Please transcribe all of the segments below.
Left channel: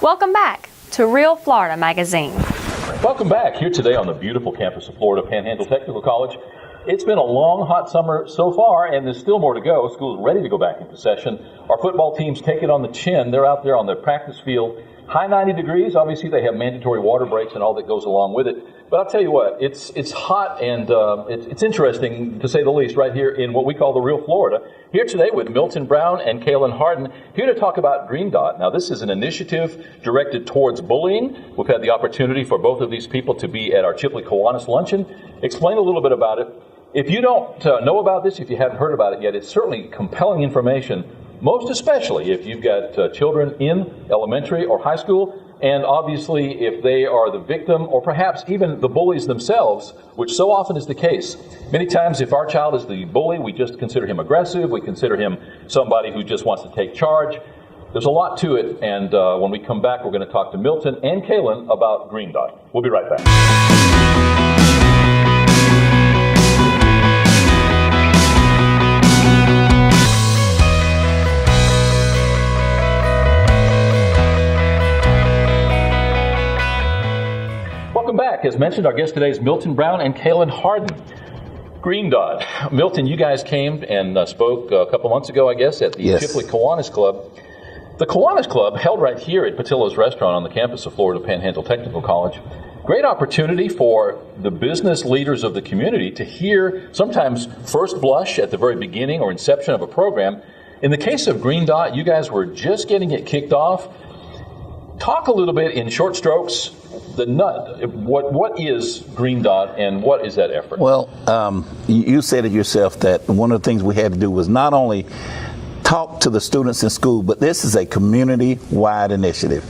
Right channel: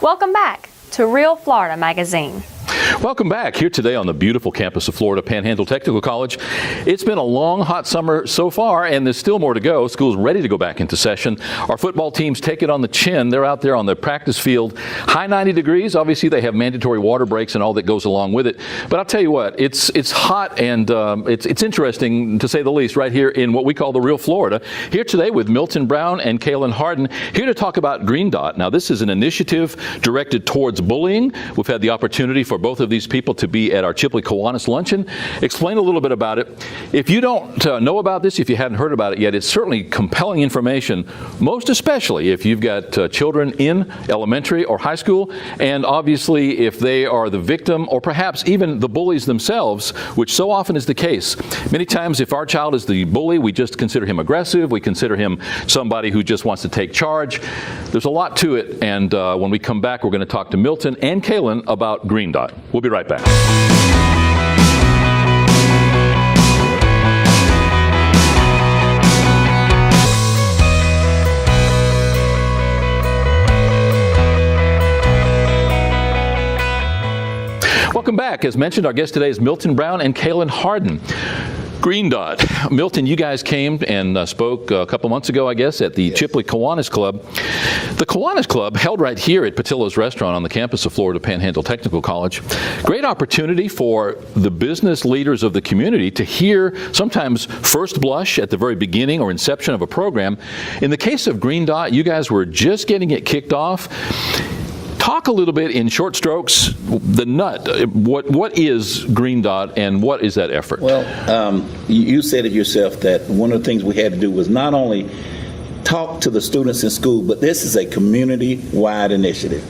Welcome back to Real Florida Magazine. Welcome back here today on the beautiful campus of Florida Panhandle Technical College. It's been a long, hot summer so far, and there's still more to go. School's ready to go back into session. Our football teams take it on the chin. They're out there on the practice field. High 90 degrees. Obviously, they have mandatory water breaks and all that goes along with it. But I'll tell you what, it's hot and it's interesting, to say the least, right here in what we call the real Florida. Here today with Milton Brown and Kaylin Harden, here to talk about Green Dot. Now, this is an initiative directed towards bullying. We've had the opportunity for both of these people to be at our Chipley Kiwanis luncheon. Explain a little bit about it. If you don't know about this, if you hadn't heard about it yet, it's certainly compelling information, most especially if you've got children in elementary or high school, and obviously if they are the victim or perhaps even the bullies themselves, which so often is the case. Many times if our child is the bully, we just consider him aggressive, we consider him somebody who just wants to take charge. There's a lot to it, and when we come back, we're going to talk to Milton and Kaylin about Green Dot. We'll be right back. Welcome back. As mentioned, our guest today is Milton Brown and Kaylin Harden. Green Dot. Milton, you guys came and spoke a couple months ago, I guess, at the Chipley Kiwanis Club. The Kiwanis Club, held right here at Patillo's Restaurant on the campus of Florida Panhandle Technical College. Great opportunity for the business leaders of the community to hear sometimes first blush at the very beginning or inception of a program. In the case of Green Dot, you guys were just getting it kicked off. Talk a little bit in short strokes, the nut. What is Green Dot and what is that effort? Well, you said it yourself that one of the things we had to do was not only talk to the students in school, but this is a community-wide initiative.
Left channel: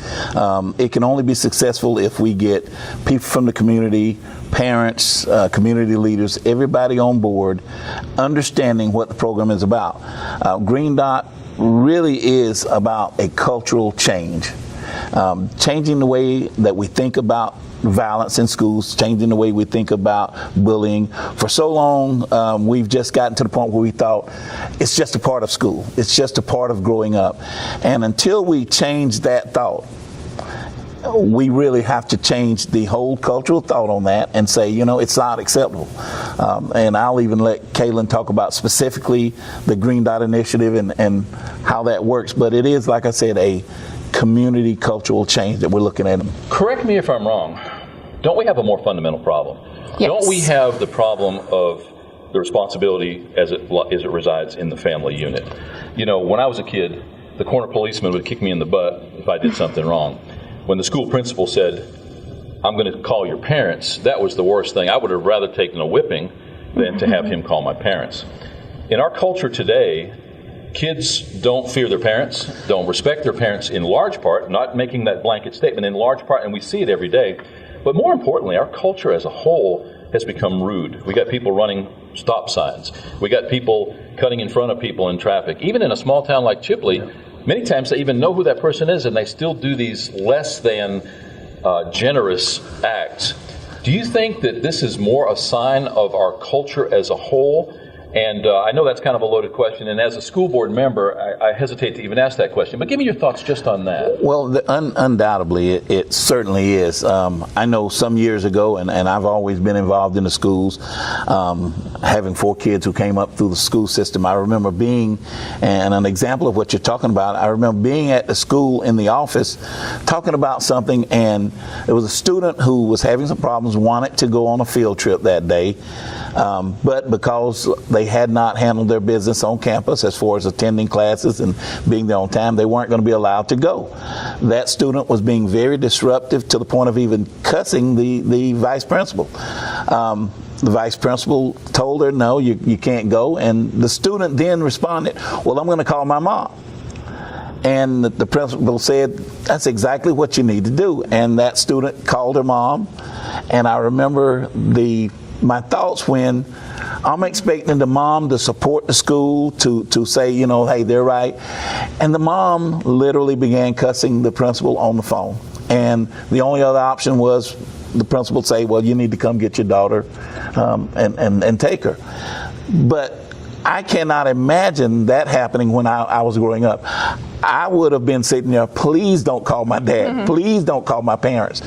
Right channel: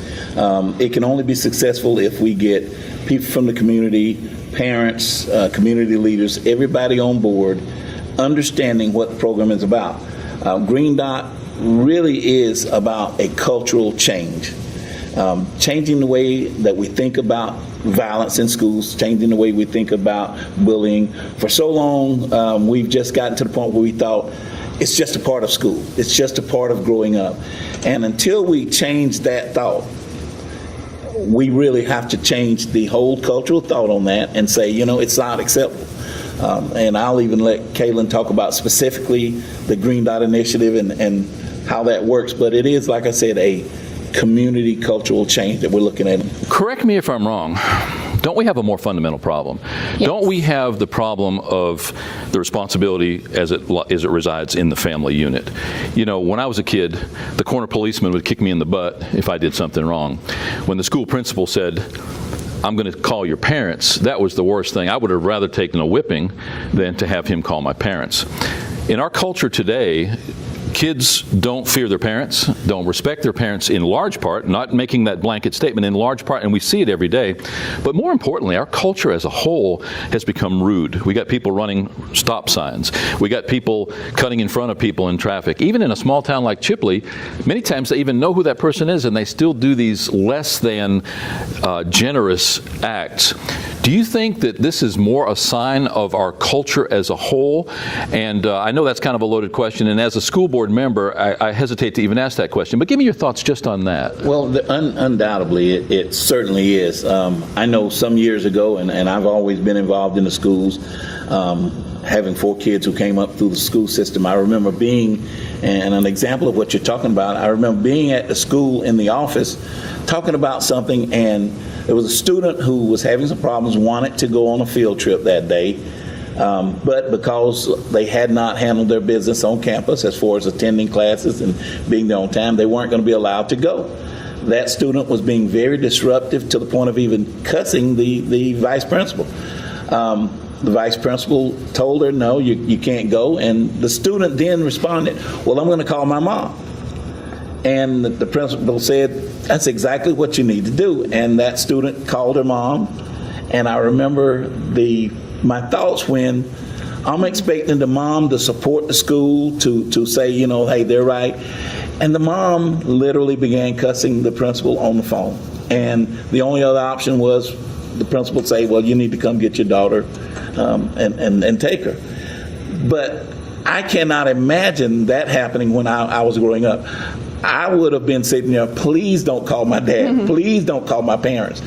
It can only be successful if we get people from the community, parents, community leaders, everybody on board, understanding what the program is about. Green Dot really is about a cultural change. Changing the way that we think about violence in schools, changing the way we think about bullying. For so long, we've just gotten to the point where we thought it's just a part of school. It's just a part of growing up. And until we change that thought, we really have to change the whole cultural thought on that and say, you know, it's not acceptable. And I'll even let Kaylin talk about specifically the Green Dot initiative and how that works. But it is, like I said, a community cultural change that we're looking at. Correct me if I'm wrong. Don't we have a more fundamental problem? Yes. Don't we have the problem of the responsibility as it resides in the family unit? You know, when I was a kid, the corner policeman would kick me in the butt if I did something wrong. When the school principal said, I'm going to call your parents, that was the worst thing. I would have rather taken a whipping than to have him call my parents. In our culture today, kids don't fear their parents, don't respect their parents in large part, not making that blanket statement, in large part, and we see it every day. But more importantly, our culture as a whole has become rude. We got people running stop signs. We got people cutting in front of people in traffic. Even in a small town like Chipley, many times they even know who that person is and they still do these less than generous acts. Do you think that this is more a sign of our culture as a whole? And I know that's kind of a loaded question, and as a school board member, I hesitate to even ask that question, but give me your thoughts just on that. Well, undoubtedly, it certainly is. I know some years ago, and I've always been involved in the schools, having 4 kids who came up through the school system. I remember being, and an example of what you're talking about, I remember being at the school in the office talking about something, and there was a student who was having some problems, wanted to go on a field trip that day, but because they had not handled their business on campus as far as attending classes and being there on time, they weren't going to be allowed to go. That student was being very disruptive to the point of even cussing the vice principal. The vice principal told her, no, you can't go, and the student then responded, well, I'm going to call my mom. And the principal said, that's exactly what you need to do. And that student called her mom, and I remember my thoughts when I'm expecting the mom to support the school, to say, you know, hey, they're right. And the mom literally began cussing the principal on the phone. And the only other option was the principal say, well, you need to come get your daughter and take her. But I cannot imagine that happening when I was growing up. I would have been sitting there, please don't call my dad. Please don't call my parents.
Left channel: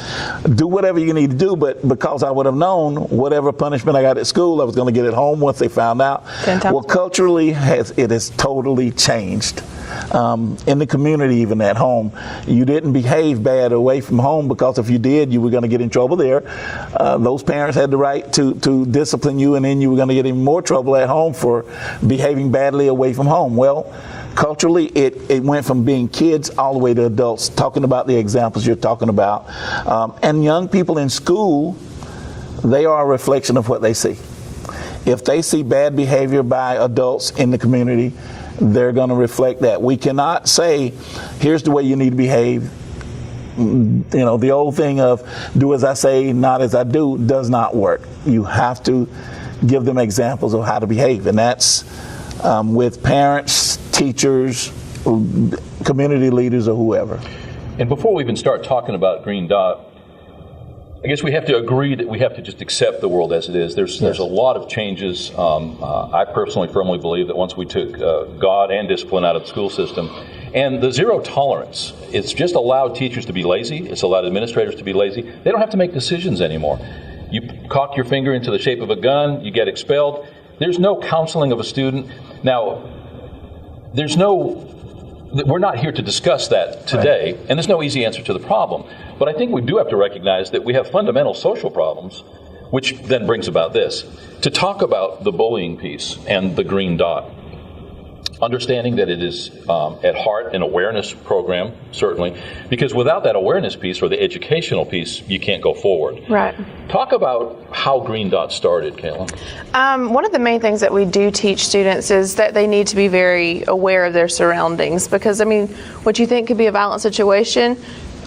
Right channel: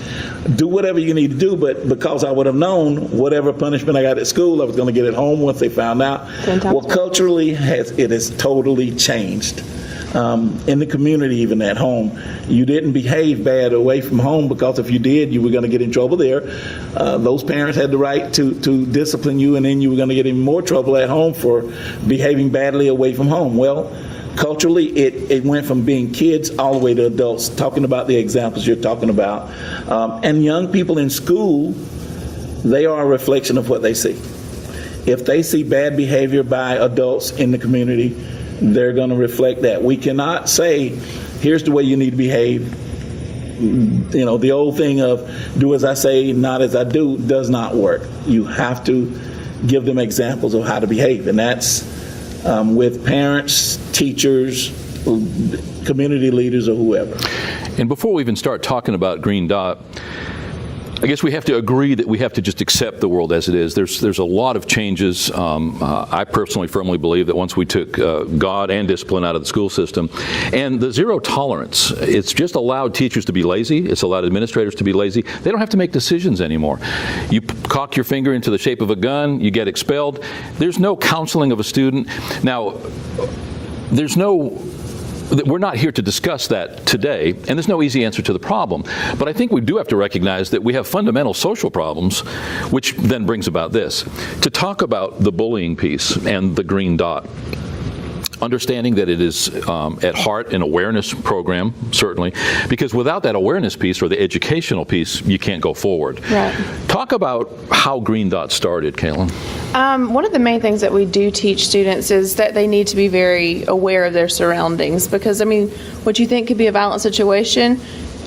Do whatever you need to do, but because I would have known whatever punishment I got at school, I was going to get it home once they found out. Well, culturally, it has totally changed. In the community, even at home, you didn't behave bad away from home, because if you did, you were going to get in trouble there. Those parents had the right to discipline you, and then you were going to get in more trouble at home for behaving badly away from home. Well, culturally, it went from being kids all the way to adults, talking about the examples you're talking about. And young people in school, they are a reflection of what they see. If they see bad behavior by adults in the community, they're going to reflect that. We cannot say, here's the way you need to behave. You know, the old thing of do as I say, not as I do, does not work. You have to give them examples of how to behave, and that's with parents, teachers, community leaders, or whoever. And before we even start talking about Green Dot, I guess we have to agree that we have to just accept the world as it is. There's a lot of changes. I personally firmly believe that once we took God and discipline out of the school system, and the zero tolerance, it's just allowed teachers to be lazy. It's allowed administrators to be lazy. They don't have to make decisions anymore. You cock your finger into the shape of a gun, you get expelled. There's no counseling of a student. Now, we're not here to discuss that today, and there's no easy answer to the problem. But I think we do have to recognize that we have fundamental social problems, which then brings about this. To talk about the bullying piece and the Green Dot, understanding that it is at heart an awareness program, certainly, because without that awareness piece or the educational piece, you can't go forward. Right. Talk about how Green Dot started, Caitlin. One of the main things that we do teach students is that they need to be very aware of their surroundings, because, I mean, what you think could be a violent situation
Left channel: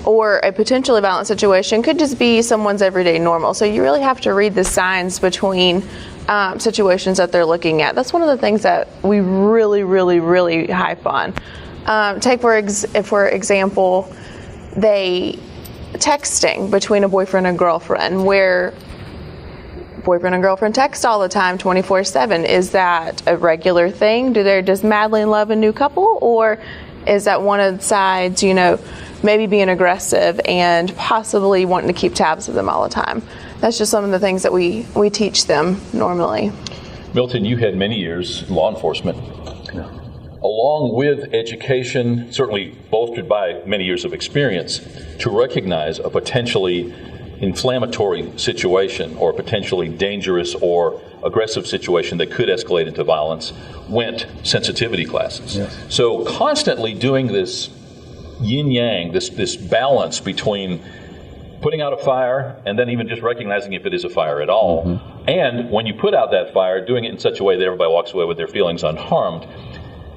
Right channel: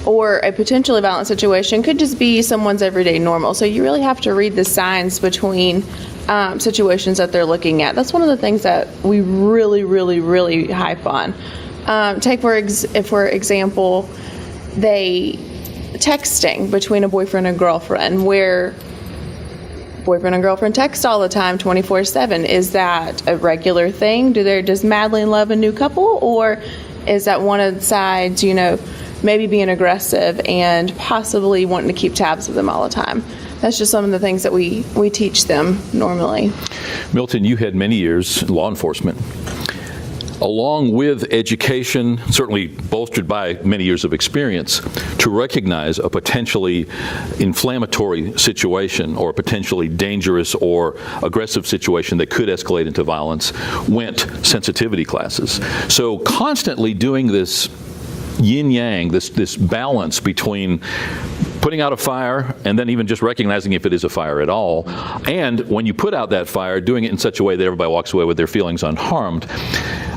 or a potentially violent situation could just be someone's everyday normal. So you really have to read the signs between situations that they're looking at. That's one of the things that we really, really, really hype on. Take for example, texting between a boyfriend and girlfriend, where boyfriend and girlfriend text all the time, 24/7. Is that a regular thing? Does madly love a new couple, or is that one of the sides, maybe being aggressive and possibly wanting to keep tabs of them all the time? That's just some of the things that we teach them normally. Milton, you had many years in law enforcement. Along with education, certainly bolstered by many years of experience, to recognize a potentially inflammatory situation or a potentially dangerous or aggressive situation that could escalate into violence, went sensitivity classes. So constantly doing this yin-yang, this balance between putting out a fire and then even just recognizing if it is a fire at all. And when you put out that fire, doing it in such a way that everybody walks away with their feelings unharmed.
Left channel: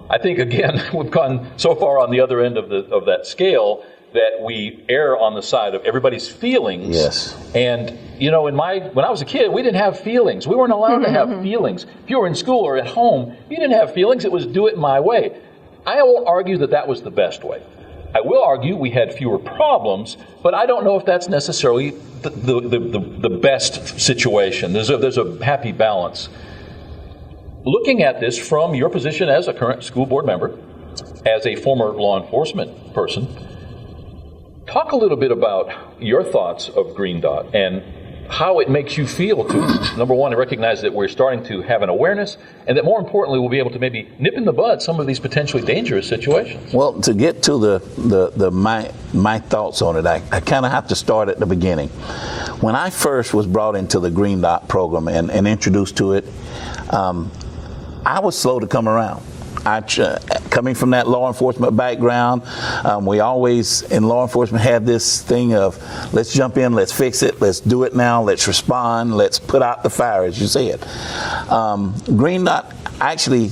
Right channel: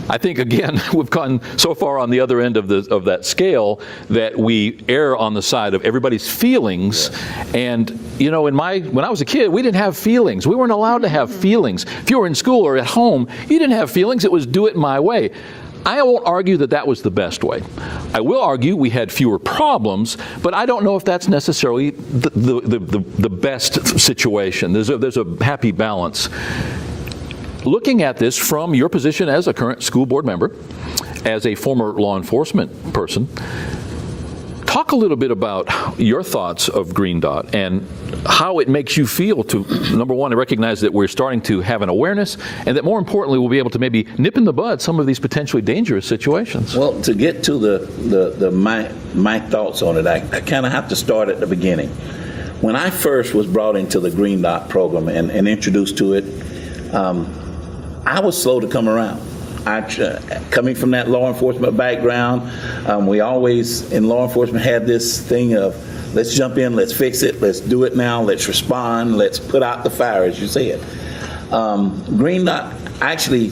I think, again, we've gone so far on the other end of that scale that we err on the side of everybody's feelings. Yes. And, when I was a kid, we didn't have feelings. We weren't allowed to have feelings. If you were in school or at home, you didn't have feelings. It was do it my way. I won't argue that was the best way. I will argue we had fewer problems, but I don't know if that's necessarily the best situation. There's a happy balance. Looking at this from your position as a current school board member, as a former law enforcement person, talk a little bit about your thoughts of Green Dot and how it makes you feel to, number one, to recognize that we're starting to have an awareness, and that more importantly, we'll be able to maybe nip in the bud some of these potentially dangerous situations. Well, to get to my thoughts on it, I kind of have to start at the beginning. When I first was brought into the Green Dot program and introduced to it, I was slow to come around. Coming from that law enforcement background, we always in law enforcement had this thing of let's jump in, let's fix it, let's do it now, let's respond, let's put out the fire, as you said. Green Dot, actually,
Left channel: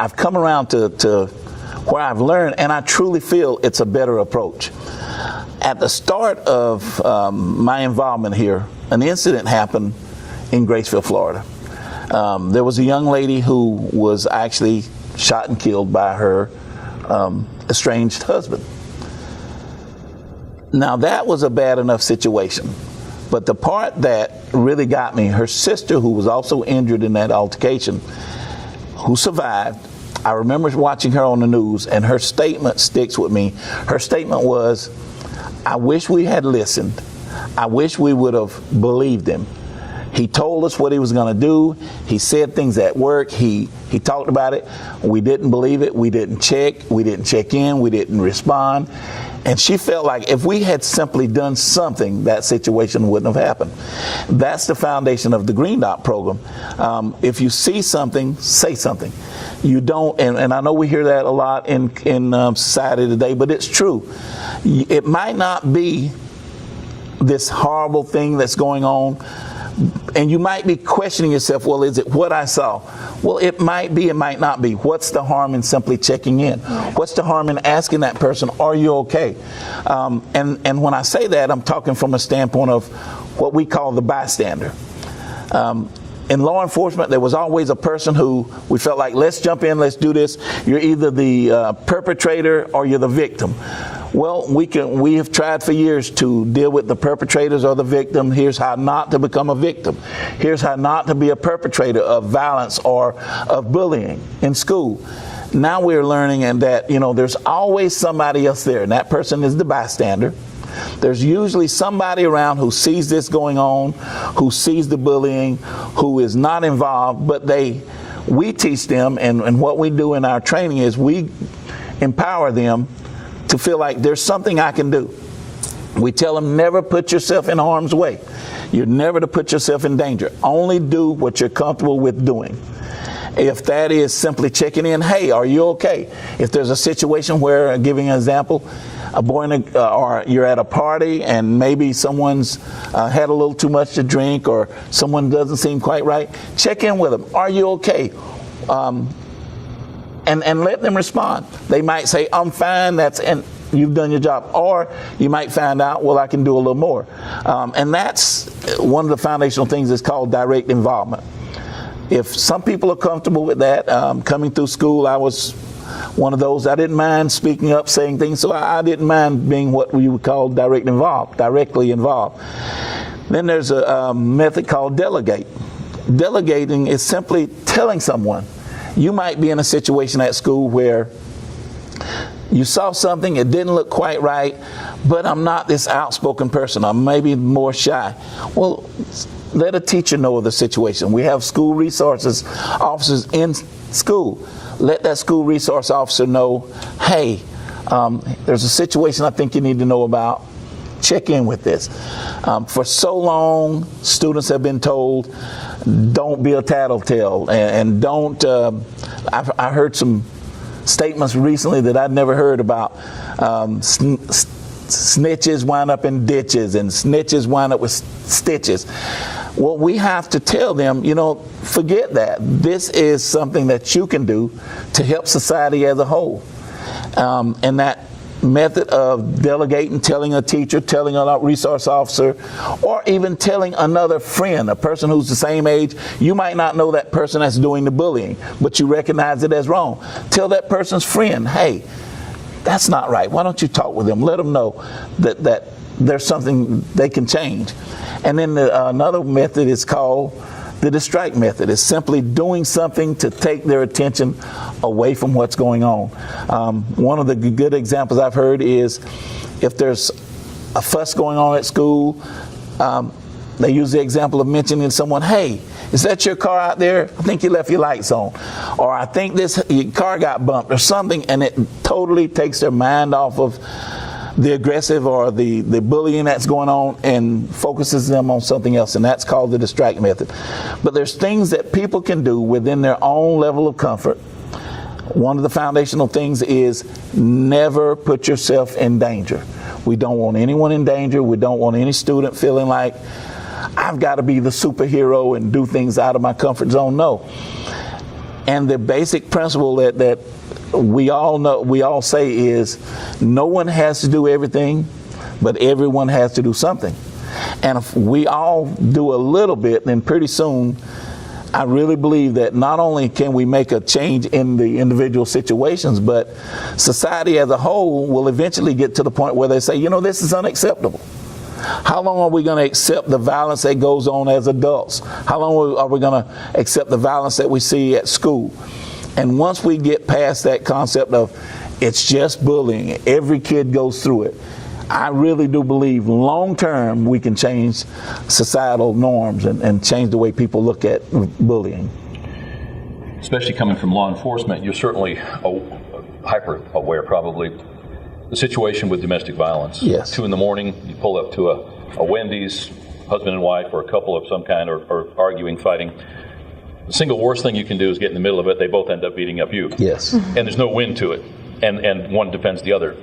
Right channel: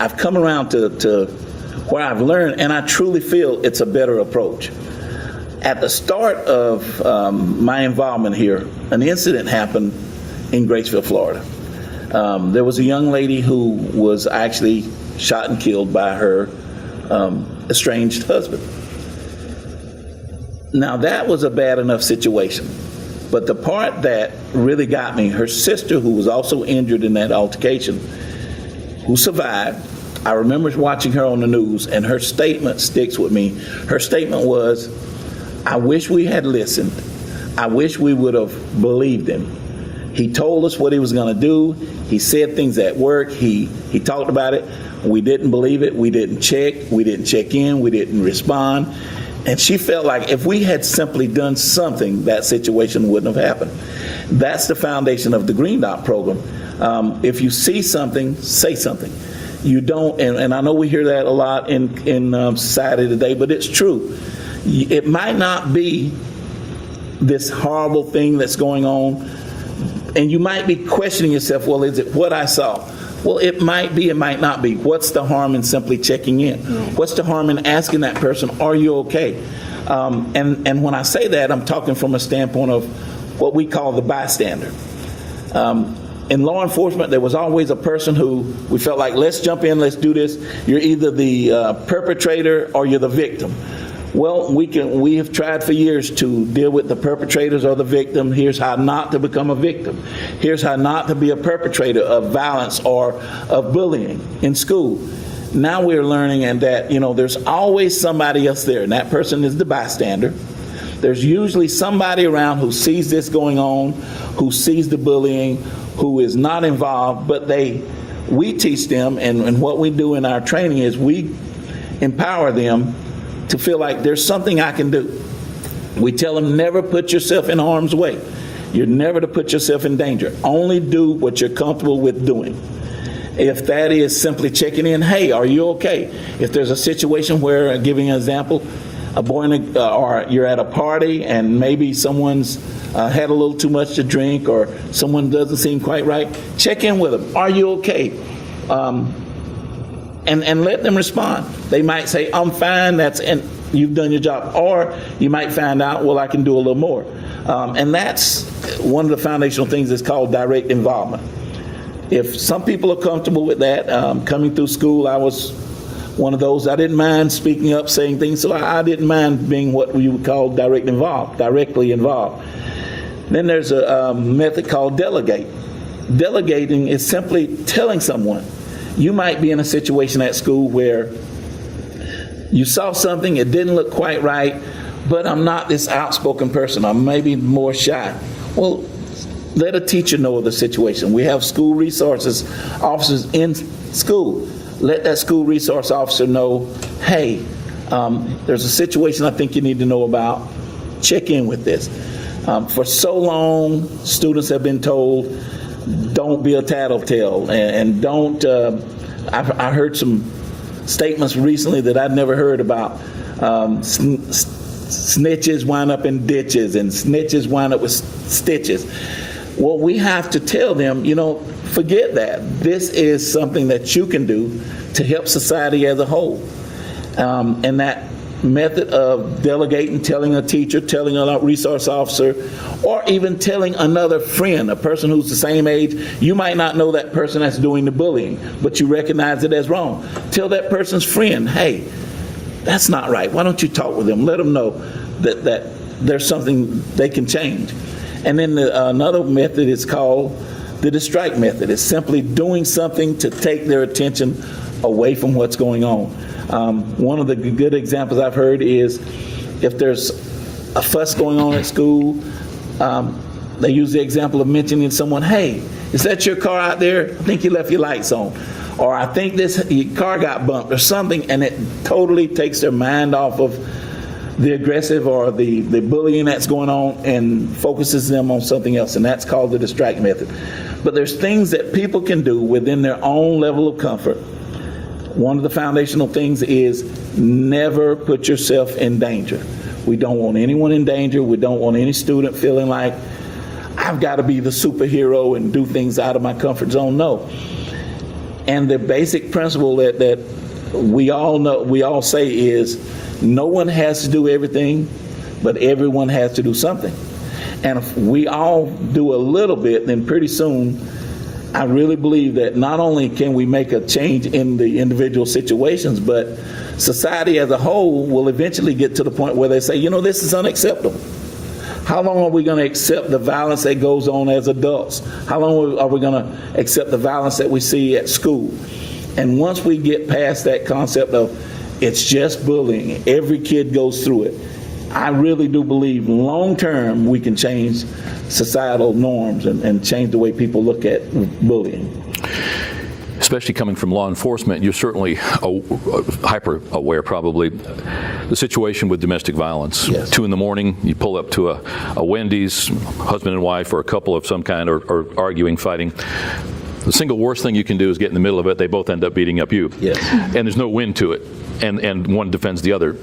I've come around to where I've learned, and I truly feel it's a better approach. At the start of my involvement here, an incident happened in Graceville, Florida. There was a young lady who was actually shot and killed by her estranged husband. Now, that was a bad enough situation. But the part that really got me, her sister, who was also injured in that altercation, who survived. I remember watching her on the news, and her statement sticks with me. Her statement was, "I wish we had listened. I wish we would have believed him. He told us what he was going to do. He said things at work. He talked about it. We didn't believe it. We didn't check. We didn't check in. We didn't respond." And she felt like if we had simply done something, that situation wouldn't have happened. That's the foundation of the Green Dot program. If you see something, say something. You don't, and I know we hear that a lot in society today, but it's true. It might not be this horrible thing that's going on, and you might be questioning yourself, well, is it what I saw? Well, it might be, it might not be. What's the harm in simply checking in? What's the harm in asking that person, are you okay? And when I say that, I'm talking from a standpoint of what we call the bystander. In law enforcement, there was always a person who we felt like, let's jump in, let's do this. You're either the perpetrator or you're the victim. Well, we have tried for years to deal with the perpetrators or the victim. Here's how not to become a victim. Here's how not to be a perpetrator of violence or of bullying in school. Now we're learning and that, there's always somebody else there, and that person is the bystander. There's usually somebody around who sees this going on, who sees the bullying, who is not involved, but we teach them, and what we do in our training is we empower them to feel like there's something I can do. We tell them never put yourself in harm's way. You're never to put yourself in danger. Only do what you're comfortable with doing. If that is simply checking in, hey, are you okay? If there's a situation where, giving an example, or you're at a party and maybe someone's had a little too much to drink or someone doesn't seem quite right, check in with them. Are you okay? And let them respond. They might say, I'm fine, and you've done your job. Or you might find out, well, I can do a little more. And that's one of the foundational things that's called direct involvement. If some people are comfortable with that, coming through school, I was one of those. I didn't mind speaking up, saying things, so I didn't mind being what we would call directly involved. Then there's a method called delegate. Delegating is simply telling someone. You might be in a situation at school where you saw something, it didn't look quite right, but I'm not this outspoken person. I'm maybe more shy. Well, let a teacher know of the situation. We have school resources officers in school. Let that school resource officer know, hey, there's a situation I think you need to know about. Check in with this. For so long, students have been told, don't be a tattletale, and don't. I heard some statements recently that I'd never heard about. Snitches wind up in ditches, and snitches wind up with stitches. Well, we have to tell them, forget that. This is something that you can do to help society as a whole. And that method of delegating, telling a teacher, telling a resource officer, or even telling another friend, a person who's the same age. You might not know that person that's doing the bullying, but you recognize it as wrong. Tell that person's friend, hey, that's not right. Why don't you talk with them? Let them know that there's something they can change. And then another method is called the distract method. It's simply doing something to take their attention away from what's going on. One of the good examples I've heard is if there's a fuss going on at school, they use the example of mentioning someone, hey, is that your car out there? I think you left your lights on. Or I think your car got bumped or something, and it totally takes their mind off of the aggressive or the bullying that's going on and focuses them on something else, and that's called the distract method. But there's things that people can do within their own level of comfort. One of the foundational things is never put yourself in danger. We don't want anyone in danger. We don't want any student feeling like I've got to be the superhero and do things out of my comfort zone. No. And the basic principle that we all know, we all say is no one has to do everything, but everyone has to do something. And if we all do a little bit, then pretty soon, I really believe that not only can we make a change in the individual situations, but society as a whole will eventually get to the point where they say, this is unacceptable. How long are we going to accept the violence that goes on as adults? How long are we going to accept the violence that we see at school? And once we get past that concept of it's just bullying, every kid goes through it, I really do believe long term we can change societal norms and change the way people look at bullying. Especially coming from law enforcement, you're certainly hyper aware, probably, the situation with domestic violence. Yes. 2 a.m, you pull up to a Wendy's, husband and wife, or a couple of some kind, or arguing, fighting. The single worst thing you can do is get in the middle of it. They both end up beating up you. Yes. And there's no win to it. And one defends the other.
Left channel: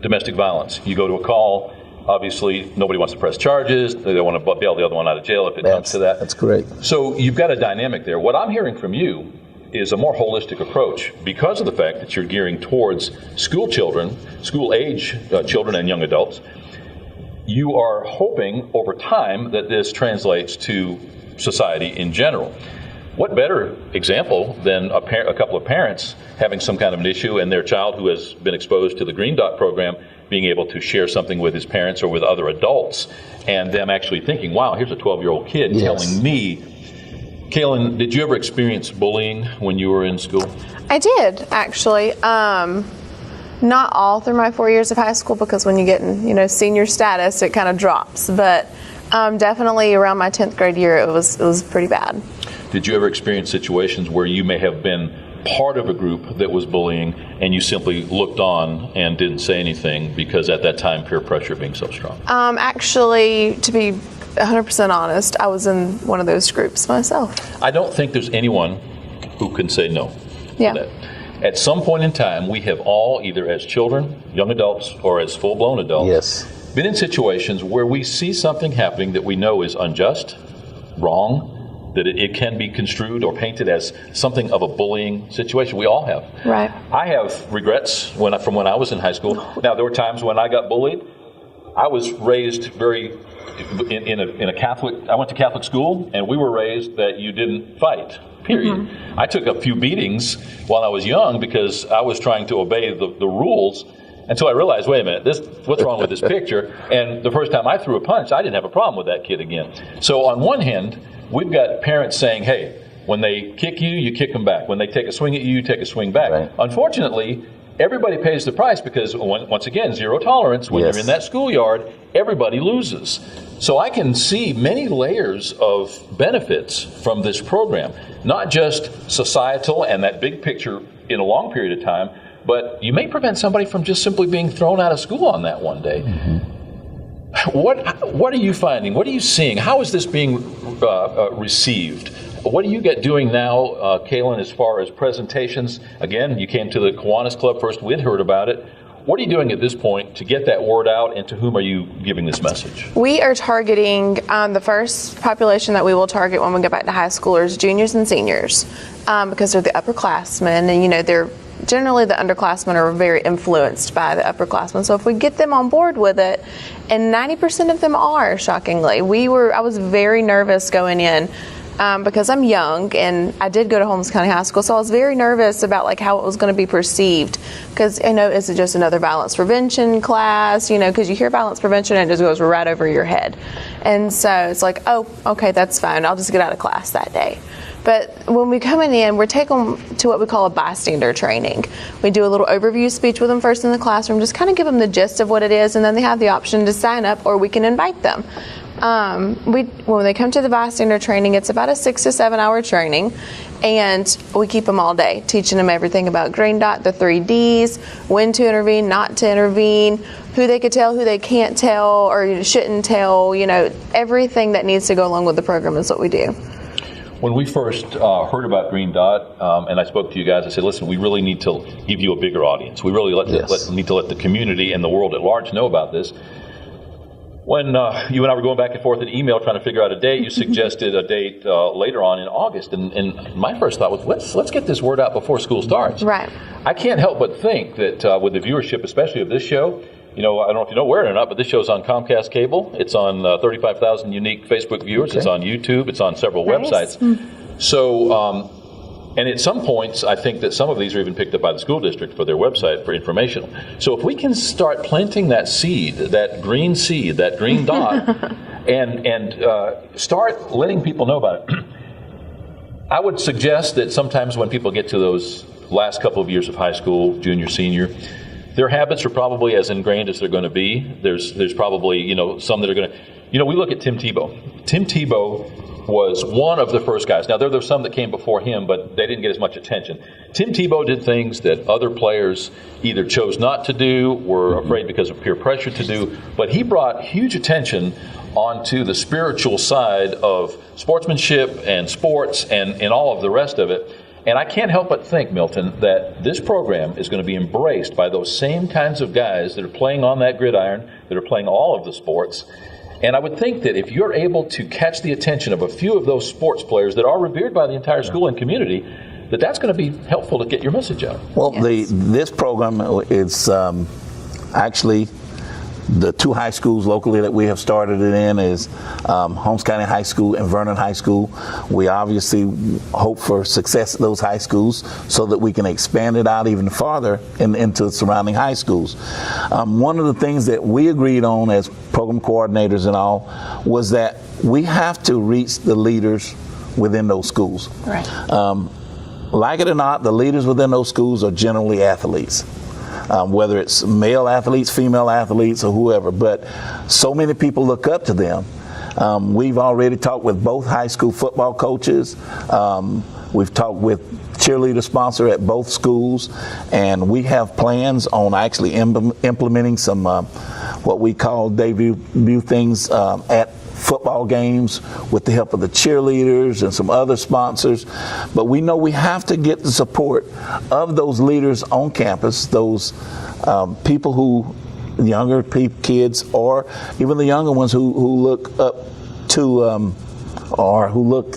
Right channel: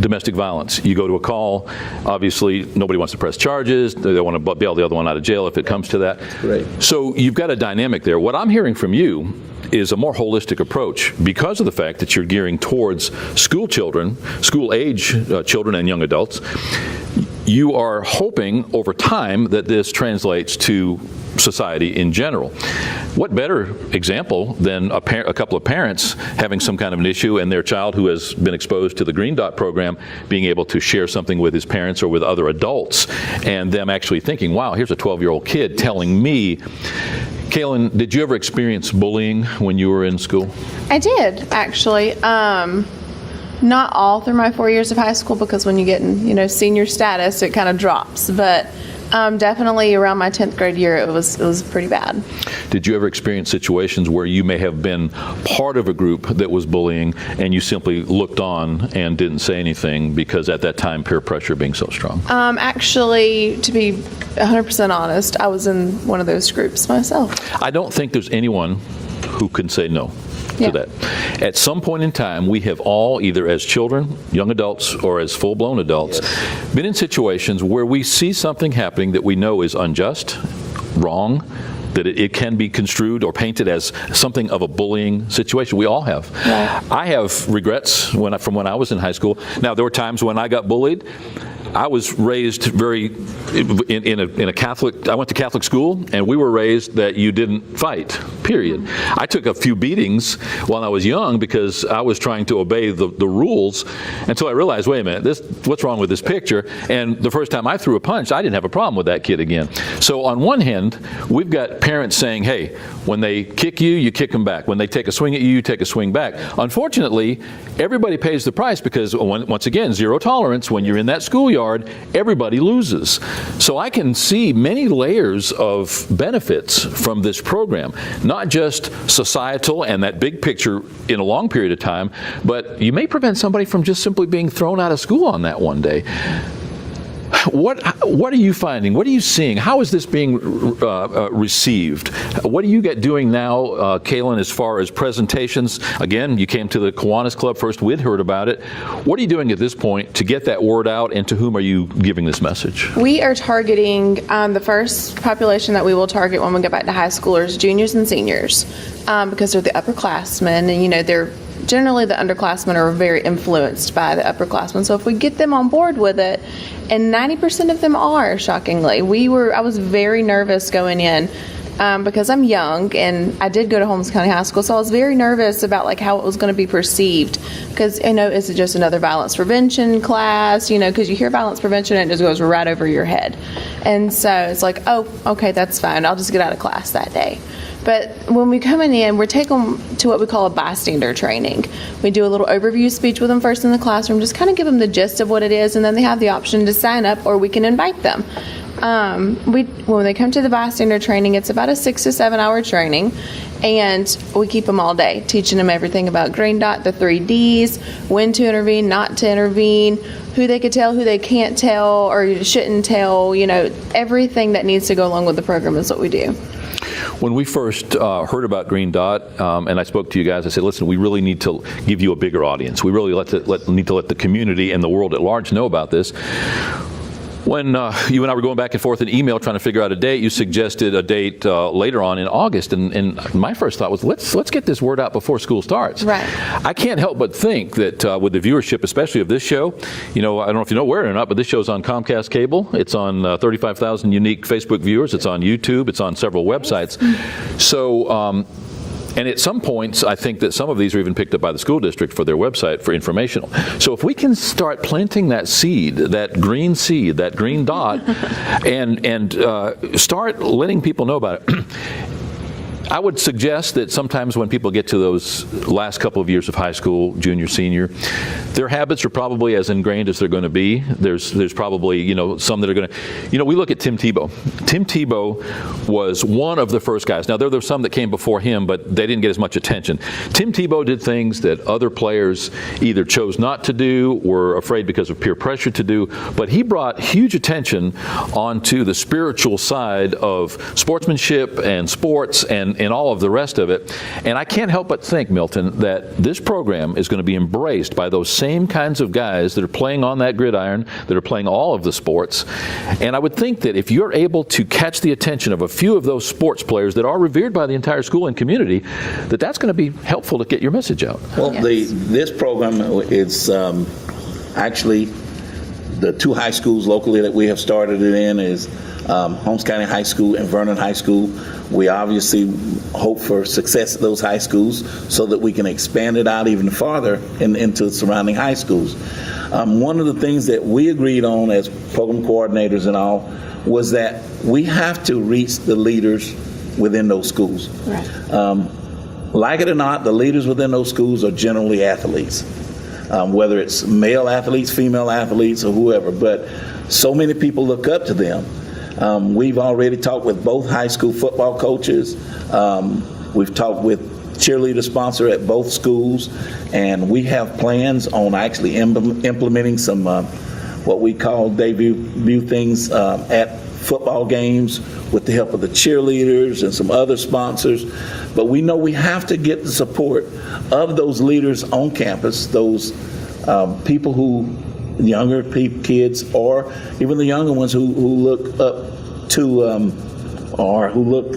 Domestic violence. You go to a call, obviously nobody wants to press charges. They don't want to bail the other one out of jail if it comes to that. That's great. So you've got a dynamic there. What I'm hearing from you is a more holistic approach because of the fact that you're gearing towards school children, school-age children and young adults. You are hoping over time that this translates to society in general. What better example than a couple of parents having some kind of an issue and their child who has been exposed to the Green Dot program being able to share something with his parents or with other adults, and them actually thinking, wow, here's a 12-year-old kid telling me. Kaylin, did you ever experience bullying when you were in school? I did, actually. Not all through my 4 years of high school, because when you get in, senior status, it kind of drops. But definitely around my 10th grade year, it was pretty bad. Did you ever experience situations where you may have been part of a group that was bullying and you simply looked on and didn't say anything because at that time peer pressure being so strong? Actually, to be 100% honest, I was in one of those groups myself. I don't think there's anyone who can say no Yeah. to that. At some point in time, we have all, either as children, young adults, or as full-blown adults, been in situations where we see something happening that we know is unjust, wrong, that it can be construed or painted as something of a bullying situation. We all have. Right. I have regrets from when I was in high school. Now, there were times when I got bullied. I was raised in a Catholic, I went to Catholic school, and we were raised that you didn't fight, period. Mm-hmm. I took a few beatings while I was young because I was trying to obey the rules until I realized, wait a minute, what's wrong with this picture? And the first time I threw a punch, I didn't have a problem with that kid again. So on one hand, we've got parents saying, hey, when they kick you, you kick them back. When they take a swing at you, you take a swing back. Right. Unfortunately, everybody pays the price because, once again, zero tolerance. When you're in that schoolyard, everybody loses. So I can see many layers of benefits from this program, not just societal and that big picture in a long period of time, but you may prevent somebody from just simply being thrown out of school on that one day. What are you finding? What are you seeing? How is this being received? What are you doing now, Kaylin, as far as presentations? Again, you came to the Kiwanis Club first. We'd heard about it. What are you doing at this point to get that word out, and to whom are you giving this message? We are targeting the first population that we will target when we go back to high schoolers, juniors and seniors, because they're the upperclassmen, and they're generally the underclassmen are very influenced by the upperclassmen. So if we get them on board with it, and 90% of them are, shockingly. I was very nervous going in because I'm young, and I did go to Holmes County High School, so I was very nervous about how it was going to be perceived. Because is it just another violence prevention class? Because you hear violence prevention and it just goes right over your head. And so it's like, oh, okay, that's fine. I'll just get out of class that day. But when we come in, we're taken to what we call a bystander training. We do a little overview speech with them first in the classroom, just kind of give them the gist of what it is, and then they have the option to sign up, or we can invite them. When they come to the bystander training, it's about a 6 to 7 hour training, and we keep them all day, teaching them everything about Green Dot, the 3 Ds, when to intervene, not to intervene, who they could tell, who they can't tell, or shouldn't tell. Everything that needs to go along with the program is what we do. When we first heard about Green Dot, and I spoke to you guys, I said, listen, we really need to give you a bigger audience. We really need to let the community and the world at large know about this. When you and I were going back and forth in email trying to figure out a date, you suggested a date later on in August, and my first thought was, let's get this word out before school starts. Right. I can't help but think that with the viewership, especially of this show, I don't know if you know where or not, but this show's on Comcast Cable. It's on 35,000 unique Facebook viewers. Okay. It's on YouTube. It's on several websites. So. And at some points, I think that some of these are even picked up by the school district for their website for informational. So if we can start planting that seed, that green dot, and start letting people know about it. I would suggest that sometimes when people get to those last couple of years of high school, junior, senior, their habits are probably as ingrained as they're going to be. There's probably, some that are going to, we look at Tim Tebow. Tim Tebow was one of the first guys. Now, there were some that came before him, but they didn't get as much attention. Tim Tebow did things that other players either chose not to do, were afraid because of peer pressure to do, but he brought huge attention onto the spiritual side of sportsmanship and sports and all of the rest of it. And I can't help but think, Milton, that this program is going to be embraced by those same kinds of guys that are playing on that gridiron, that are playing all of the sports. And I would think that if you're able to catch the attention of a few of those sports players that are revered by the entire school and community, that's going to be helpful to get your message out. Well, this program is actually the two high schools locally that we have started it in is Holmes County High School and Vernon High School. We obviously hope for success at those high schools so that we can expand it out even farther into the surrounding high schools. One of the things that we agreed on as program coordinators and all was that we have to reach the leaders within those schools. Right. Like it or not, the leaders within those schools are generally athletes. Whether it's male athletes, female athletes, or whoever, but so many people look up to them. We've already talked with both high school football coaches. We've talked with cheerleader sponsor at both schools, and we have plans on actually implementing some what we call debut things at football games with the help of the cheerleaders and some other sponsors. But we know we have to get the support of those leaders on campus, those people who, younger kids, or even the younger ones who look up to or who look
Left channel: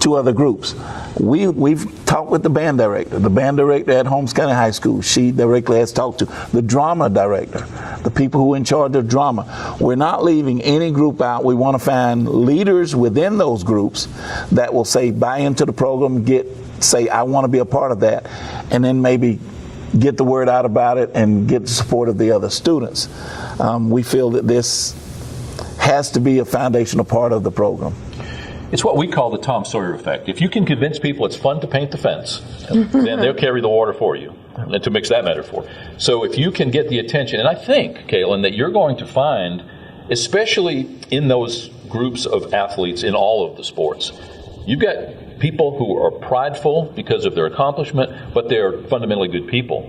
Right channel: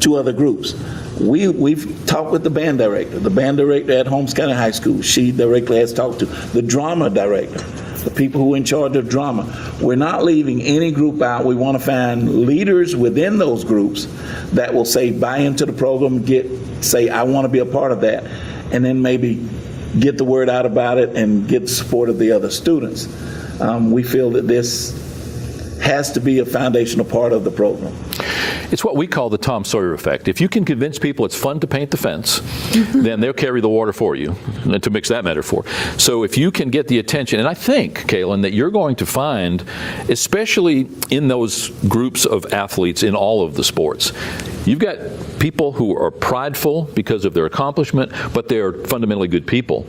to other groups. We've talked with the band director at Holmes County High School. She directly has talked to the drama director, the people who are in charge of drama. We're not leaving any group out. We want to find leaders within those groups that will buy into the program, say, I want to be a part of that, and then maybe get the word out about it and get the support of the other students. We feel that this has to be a foundational part of the program. It's what we call the Tom Sawyer effect. If you can convince people it's fun to paint the fence, then they'll carry the water for you, and to mix that metaphor. So if you can get the attention, and I think, Kaylin, that you're going to find, especially in those groups of athletes in all of the sports, you've got people who are prideful because of their accomplishment, but they're fundamentally good people.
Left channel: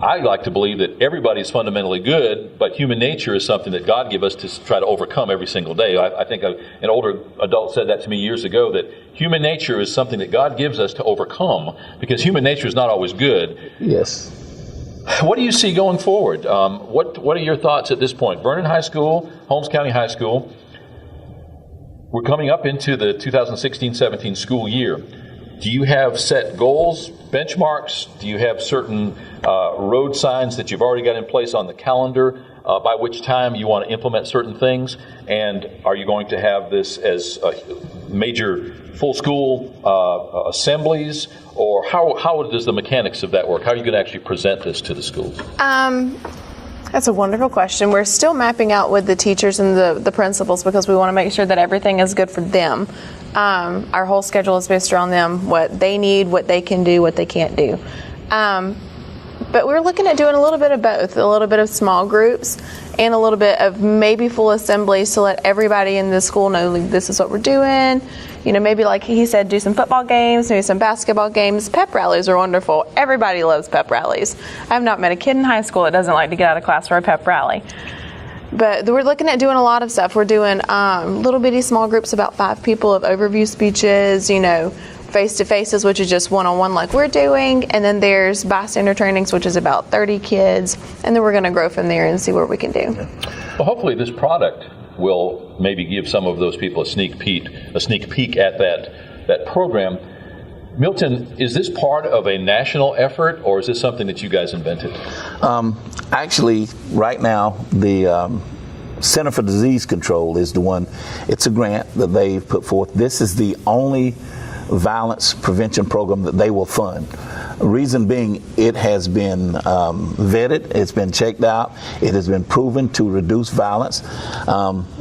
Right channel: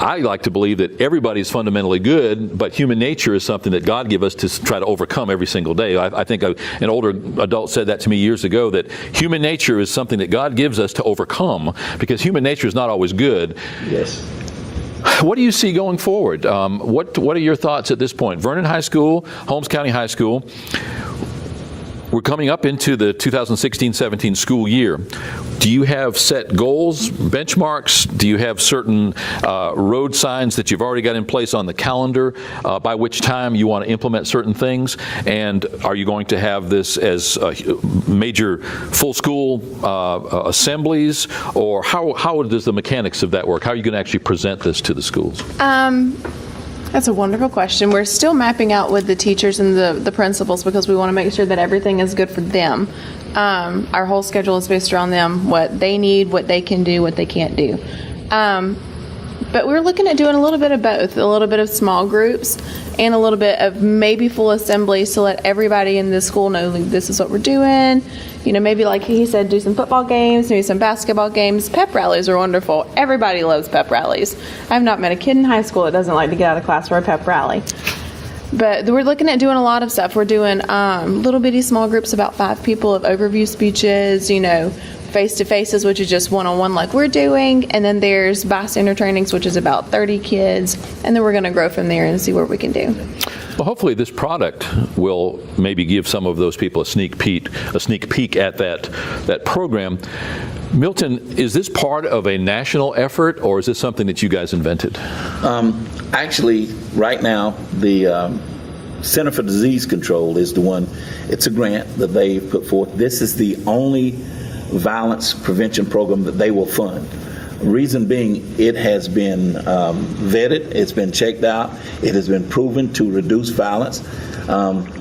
I like to believe that everybody's fundamentally good, but human nature is something that God gave us to try to overcome every single day. I think an older adult said that to me years ago, that human nature is something that God gives us to overcome, because human nature is not always good. Yes. What do you see going forward? What are your thoughts at this point? Vernon High School, Holmes County High School. We're coming up into the 2016-17 school year. Do you have set goals, benchmarks? Do you have certain road signs that you've already got in place on the calendar by which time you want to implement certain things? And are you going to have this as major full school assemblies? Or how does the mechanics of that work? How are you going to actually present this to the schools? That's a wonderful question. We're still mapping out with the teachers and the principals because we want to make sure that everything is good for them. Our whole schedule is based around them, what they need, what they can do, what they can't do. But we're looking at doing a little bit of both, a little bit of small groups and a little bit of maybe full assemblies to let everybody in the school know, like, this is what we're doing. Maybe like he said, do some football games, maybe some basketball games. Pep rallies are wonderful. Everybody loves pep rallies. I've not met a kid in high school that doesn't like to get out of class for a pep rally. But we're looking at doing a lot of stuff. We're doing little bitty small groups, about 5 people, of overview speeches, face-to-faces, which is just one-on-one like we're doing. And then there's bystander trainings, which is about 30 kids. And then we're going to grow from there and see what we can do. Well, hopefully this product will maybe give some of those people a sneak peek at that program. Milton, is this part of a national effort, or is this something that you guys invented? Actually, right now, the Center for Disease Control is the one. It's a grant that they put forth. This is the only violence prevention program that they will fund. Reason being, it has been vetted, it's been checked out, it has been proven to reduce violence.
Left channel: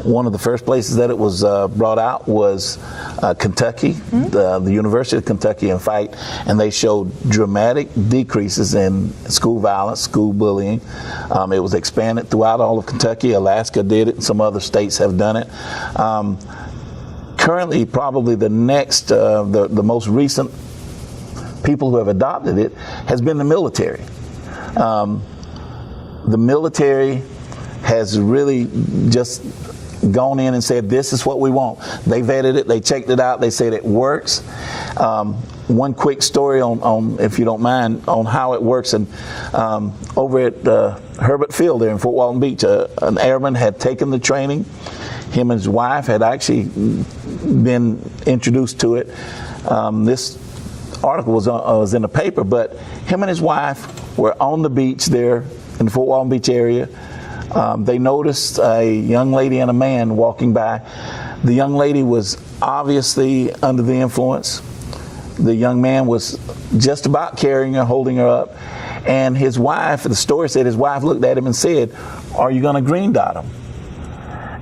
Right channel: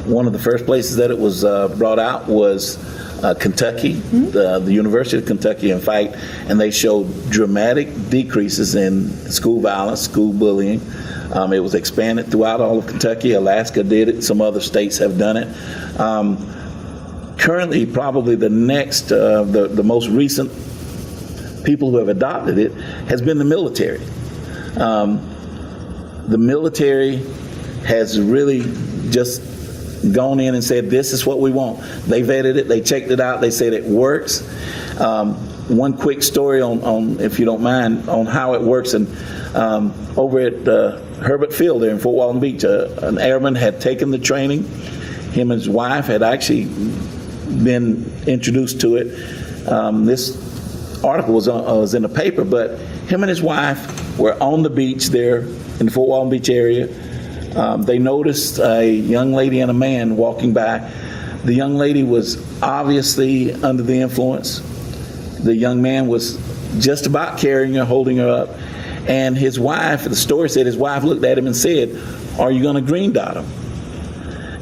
One of the first places that it was brought out was Kentucky, the University of Kentucky, in fact, and they showed dramatic decreases in school violence, school bullying. It was expanded throughout all of Kentucky. Alaska did it, and some other states have done it. Currently, probably the next, the most recent people who have adopted it has been the military. The military has really just gone in and said, this is what we want. They vetted it, they checked it out, they said it works. One quick story on, if you don't mind, on how it works. And over at Herbert Field there in Fort Walton Beach, an airman had taken the training. Him and his wife had actually been introduced to it. This article was in the paper, but him and his wife were on the beach there in the Fort Walton Beach area. They noticed a young lady and a man walking by. The young lady was obviously under the influence. The young man was just about carrying her, holding her up. And his wife, the story said his wife looked at him and said, "Are you going to green dot him?"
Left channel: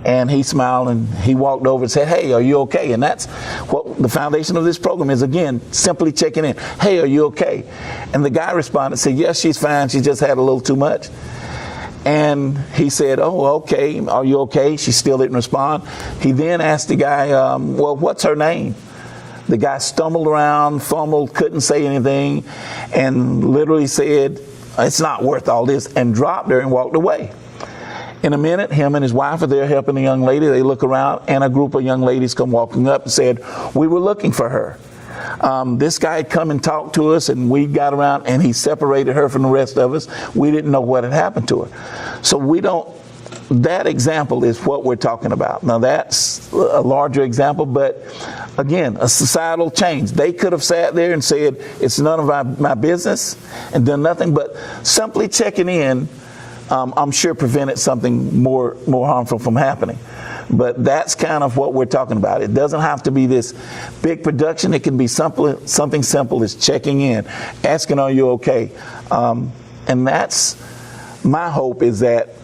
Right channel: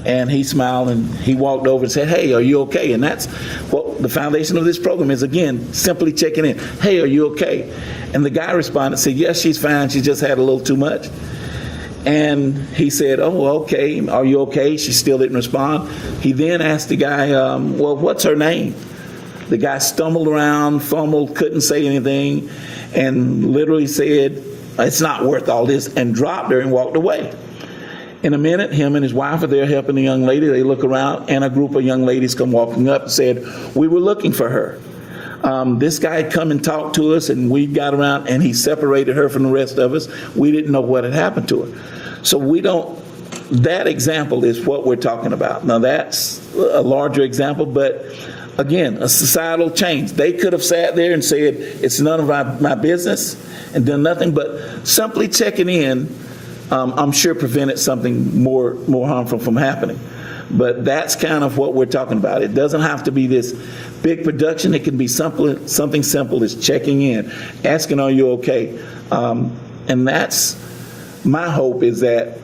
And he smiled and he walked over and said, "Hey, are you okay?" And that's what the foundation of this program is, again, simply checking in. "Hey, are you okay?" And the guy responded, said, "Yes, she's fine. She just had a little too much." And he said, "Oh, okay. Are you okay?" She still didn't respond. He then asked the guy, "Well, what's her name?" The guy stumbled around, fumbled, couldn't say anything, and literally said, "It's not worth all this," and dropped her and walked away. In a minute, him and his wife are there helping the young lady. They look around, and a group of young ladies come walking up and said, "We were looking for her." This guy had come and talked to us, and we got around, and he separated her from the rest of us. We didn't know what had happened to her. So that example is what we're talking about. Now, that's a larger example, but again, a societal change. They could have sat there and said, "It's none of my business," and done nothing, but simply checking in, I'm sure prevented something more harmful from happening. But that's kind of what we're talking about. It doesn't have to be this big production. It can be something simple as checking in, asking, "Are you okay?" And that's my hope, is that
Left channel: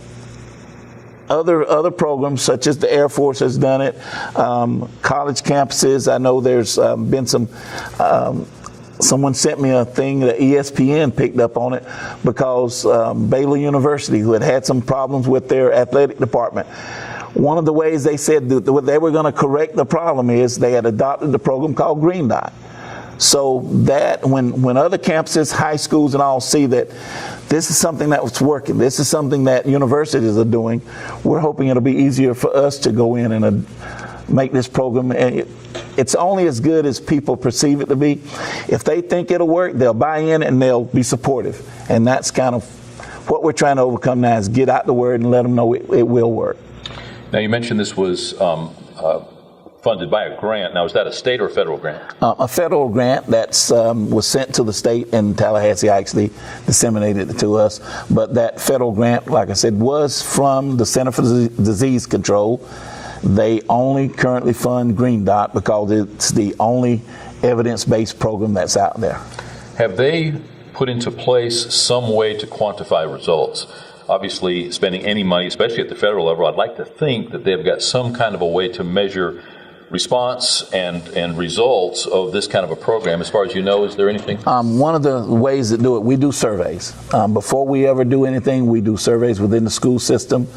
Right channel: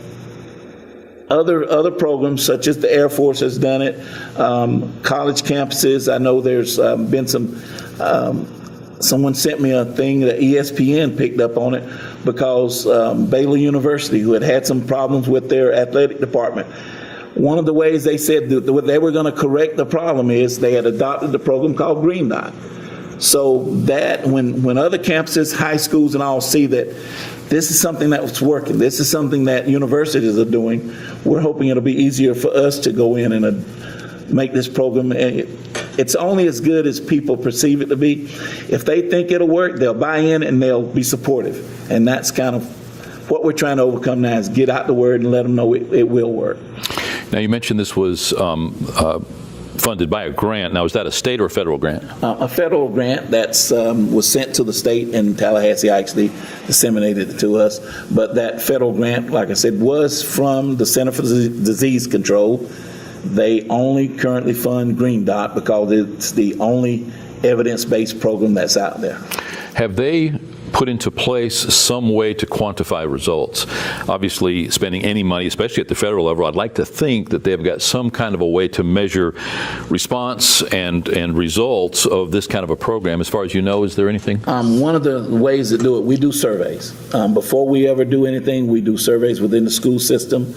other programs, such as the Air Force has done it, college campuses. I know there's been some. Someone sent me a thing that ESPN picked up on it because Baylor University, who had some problems with their athletic department, one of the ways they said that they were going to correct the problem is they had adopted the program called Green Dot. So that when other campuses, high schools and all see that this is something that's working, this is something that universities are doing, we're hoping it'll be easier for us to go in and make this program. It's only as good as people perceive it to be. If they think it'll work, they'll buy in and they'll be supportive. And that's kind of what we're trying to overcome now, is get out the word and let them know it will work. Now, you mentioned this was funded by a grant. Now, is that a state or a federal grant? A federal grant that's was sent to the state, and Tallahassee actually disseminated it to us. But that federal grant, like I said, was from the Center for Disease Control. They only currently fund Green Dot because it's the only evidence-based program that's out there. Have they put into place some way to quantify results? Obviously, spending any money, especially at the federal level, I'd like to think that they've got some kind of a way to measure response and results of this kind of a program. As far as you know, is there anything? One of the ways that do it, we do surveys. Before we ever do anything, we do surveys within the school system.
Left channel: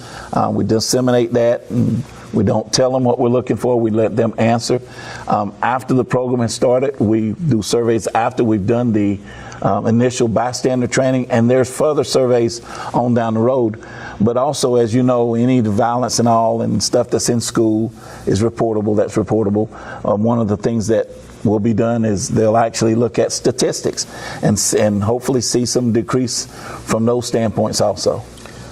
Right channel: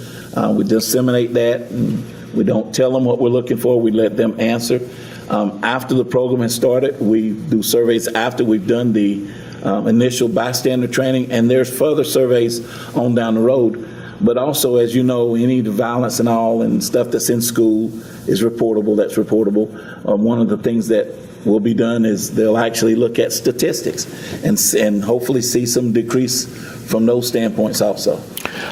We disseminate that. And we don't tell them what we're looking for. We let them answer. After the program has started, we do surveys after we've done the initial bystander training, and there's further surveys on down the road. But also, as you know, any violence and all and stuff that's in school is reportable. That's reportable. One of the things that will be done is they'll actually look at statistics and hopefully see some decrease from those standpoints also.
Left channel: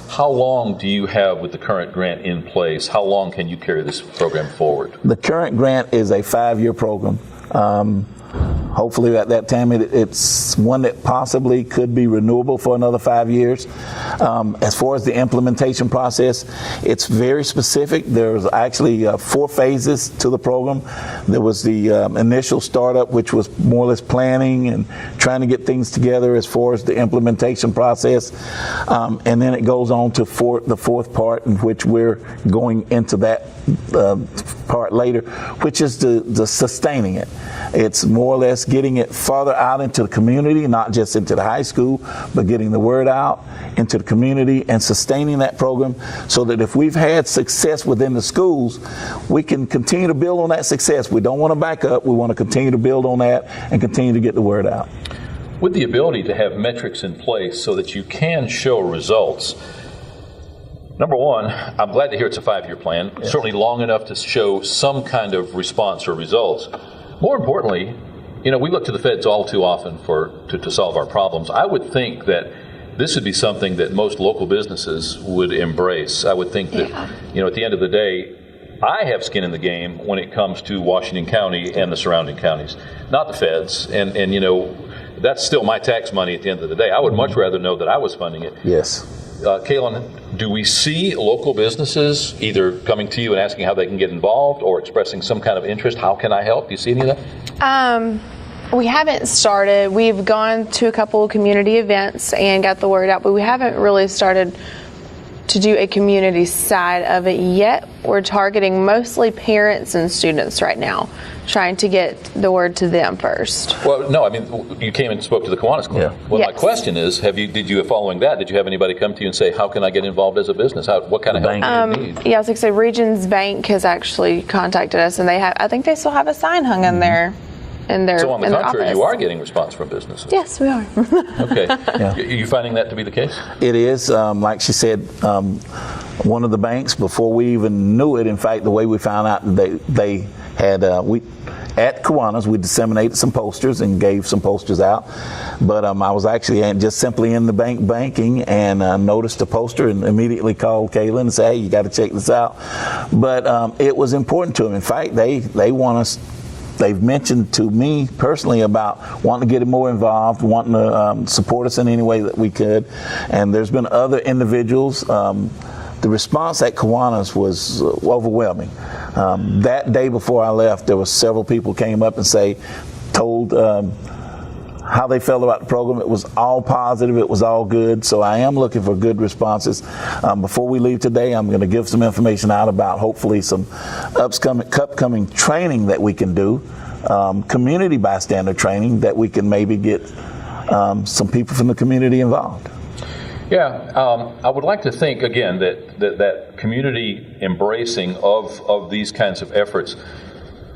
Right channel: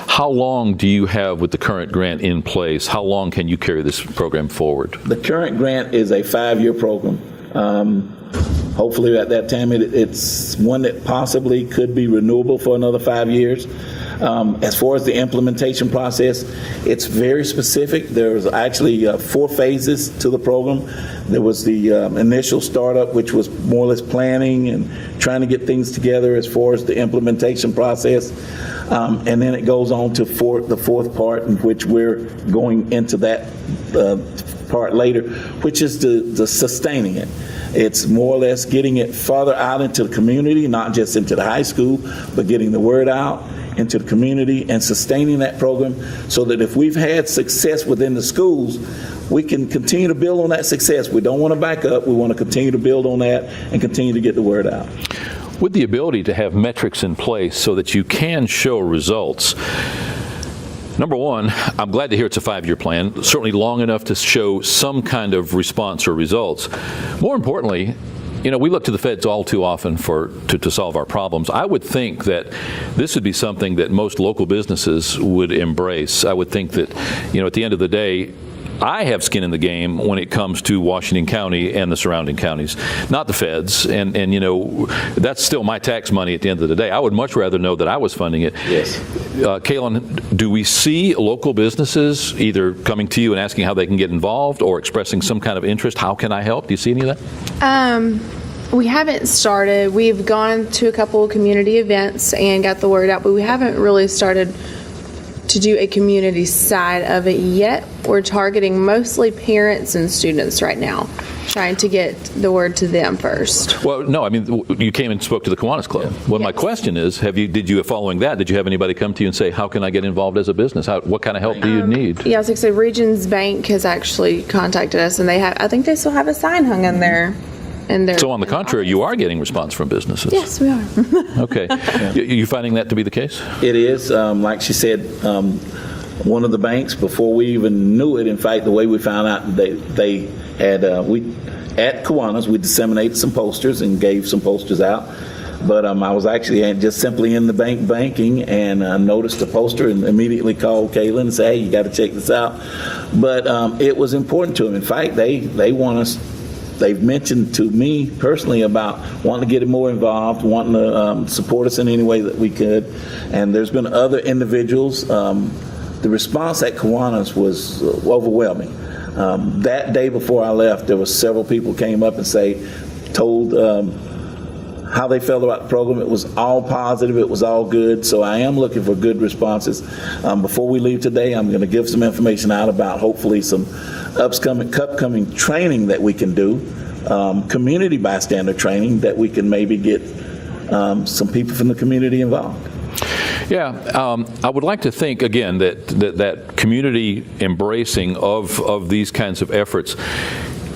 How long do you have with the current grant in place? How long can you carry this program forward? The current grant is a 5-year program. Hopefully at that time it's one that possibly could be renewable for another 5 years. As far as the implementation process, it's very specific. There's actually 4 phases to the program. There was the initial startup, which was more or less planning and trying to get things together as far as the implementation process. And then it goes on to the fourth part, in which we're going into that part later, which is the sustaining it. It's more or less getting it farther out into the community, not just into the high school, but getting the word out into the community and sustaining that program so that if we've had success within the schools, we can continue to build on that success. We don't want to back up. We want to continue to build on that and continue to get the word out. With the ability to have metrics in place so that you can show results, number one, I'm glad to hear it's a 5-year plan, certainly long enough to show some kind of response or results. More importantly, we look to the feds all too often to solve our problems. I would think that this would be something that most local businesses would embrace. I would think that, at the end of the day, I have skin in the game when it comes to Washington County and the surrounding counties, not the feds. And that's still my tax money at the end of the day. I would much rather know that I was funding it. Yes. Kaylin, do we see local businesses either coming to you and asking how they can get involved or expressing some kind of interest? How can I help? Do you see any of that? We haven't started. We've gone to a couple of community events and got the word out, but we haven't really started to do a community side of it yet. We're targeting mostly parents and students right now, trying to get the word to them first. Well, no, I mean, you came and spoke to the Kiwanis Club. Yeah. Well, yes. My question is, following that, did you have anybody come to you and say, how can I get involved as a business? What kind of help do you need? Yeah, I was going to say, Regions Bank has actually contacted us, and I think they still have a sign hung in there. So on the contrary, you are getting response from businesses. Yes, we are. Okay. Are you finding that to be the case? It is. Like she said, one of the banks, before we even knew it, in fact, the way we found out, they had, at Kiwanis, we disseminated some posters and gave some posters out. But I was actually just simply in the banking and noticed the poster and immediately called Kaylin and said, hey, you got to check this out. But it was important to them. In fact, they want us. They've mentioned to me personally about wanting to get more involved, wanting to support us in any way that we could. And there's been other individuals. The response at Kiwanis was overwhelming. That day before I left, there was several people came up and told how they felt about the program. It was all positive. It was all good. So I am looking for good responses. Before we leave today, I'm going to give some information out about hopefully some upcoming training that we can do, community bystander training that we can maybe get some people from the community involved. Yeah, I would like to think again that community embracing of these kinds of efforts.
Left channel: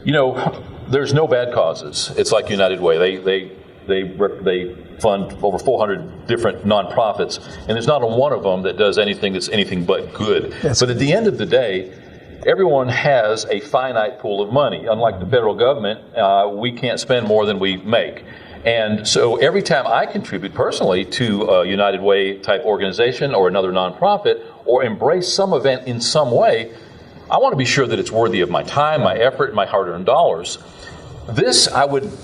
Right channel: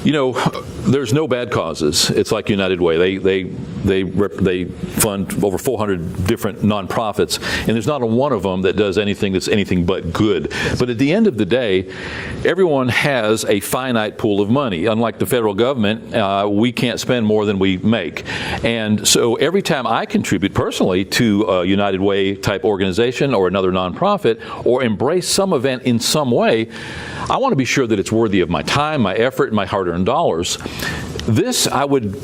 There's no bad causes. It's like United Way. They fund over 400 different nonprofits, and there's not one of them that does anything that's anything but good. But at the end of the day, everyone has a finite pool of money. Unlike the federal government, we can't spend more than we make. And so every time I contribute personally to a United Way type organization or another nonprofit or embrace some event in some way, I want to be sure that it's worthy of my time, my effort, my hard-earned dollars. This, I would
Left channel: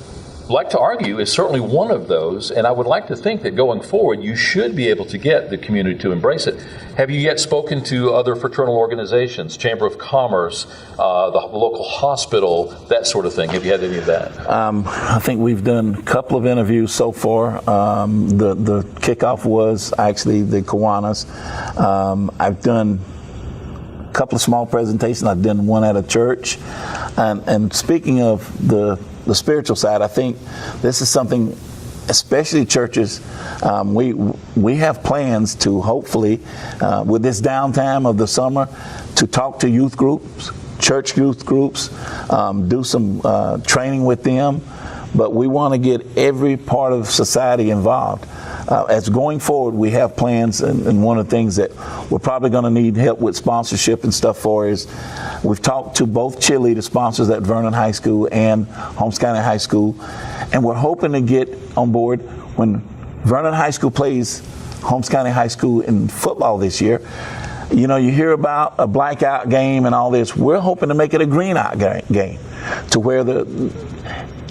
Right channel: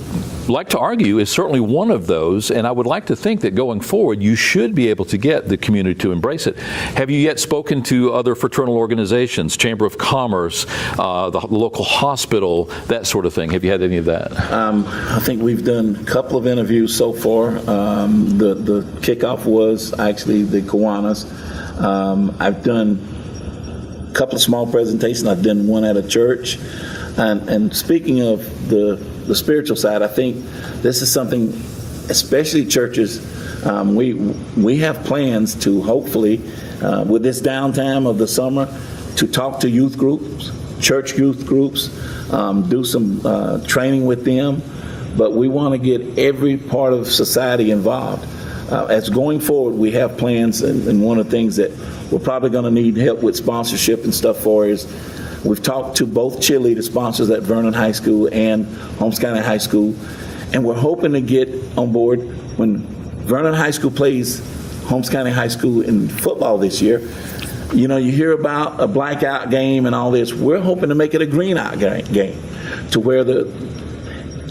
like to argue, is certainly one of those, and I would like to think that going forward, you should be able to get the community to embrace it. Have you yet spoken to other fraternal organizations, Chamber of Commerce, the local hospital, that sort of thing? Have you had any of that? I think we've done a couple of interviews so far. The kickoff was actually the Kiwanis. I've done a couple of small presentations. I've done one at a church. And speaking of the spiritual side, I think this is something, especially churches, we have plans to hopefully, with this downtime of the summer, to talk to youth groups, church youth groups, do some training with them. But we want to get every part of society involved. As going forward, we have plans, and one of the things that we're probably going to need help with sponsorship and stuff for is we've talked to both cheerleader sponsors at Vernon High School and Holmes County High School, and we're hoping to get on board when Vernon High School plays Holmes County High School in football this year. You hear about a blackout game and all this. We're hoping to make it a green-out game to where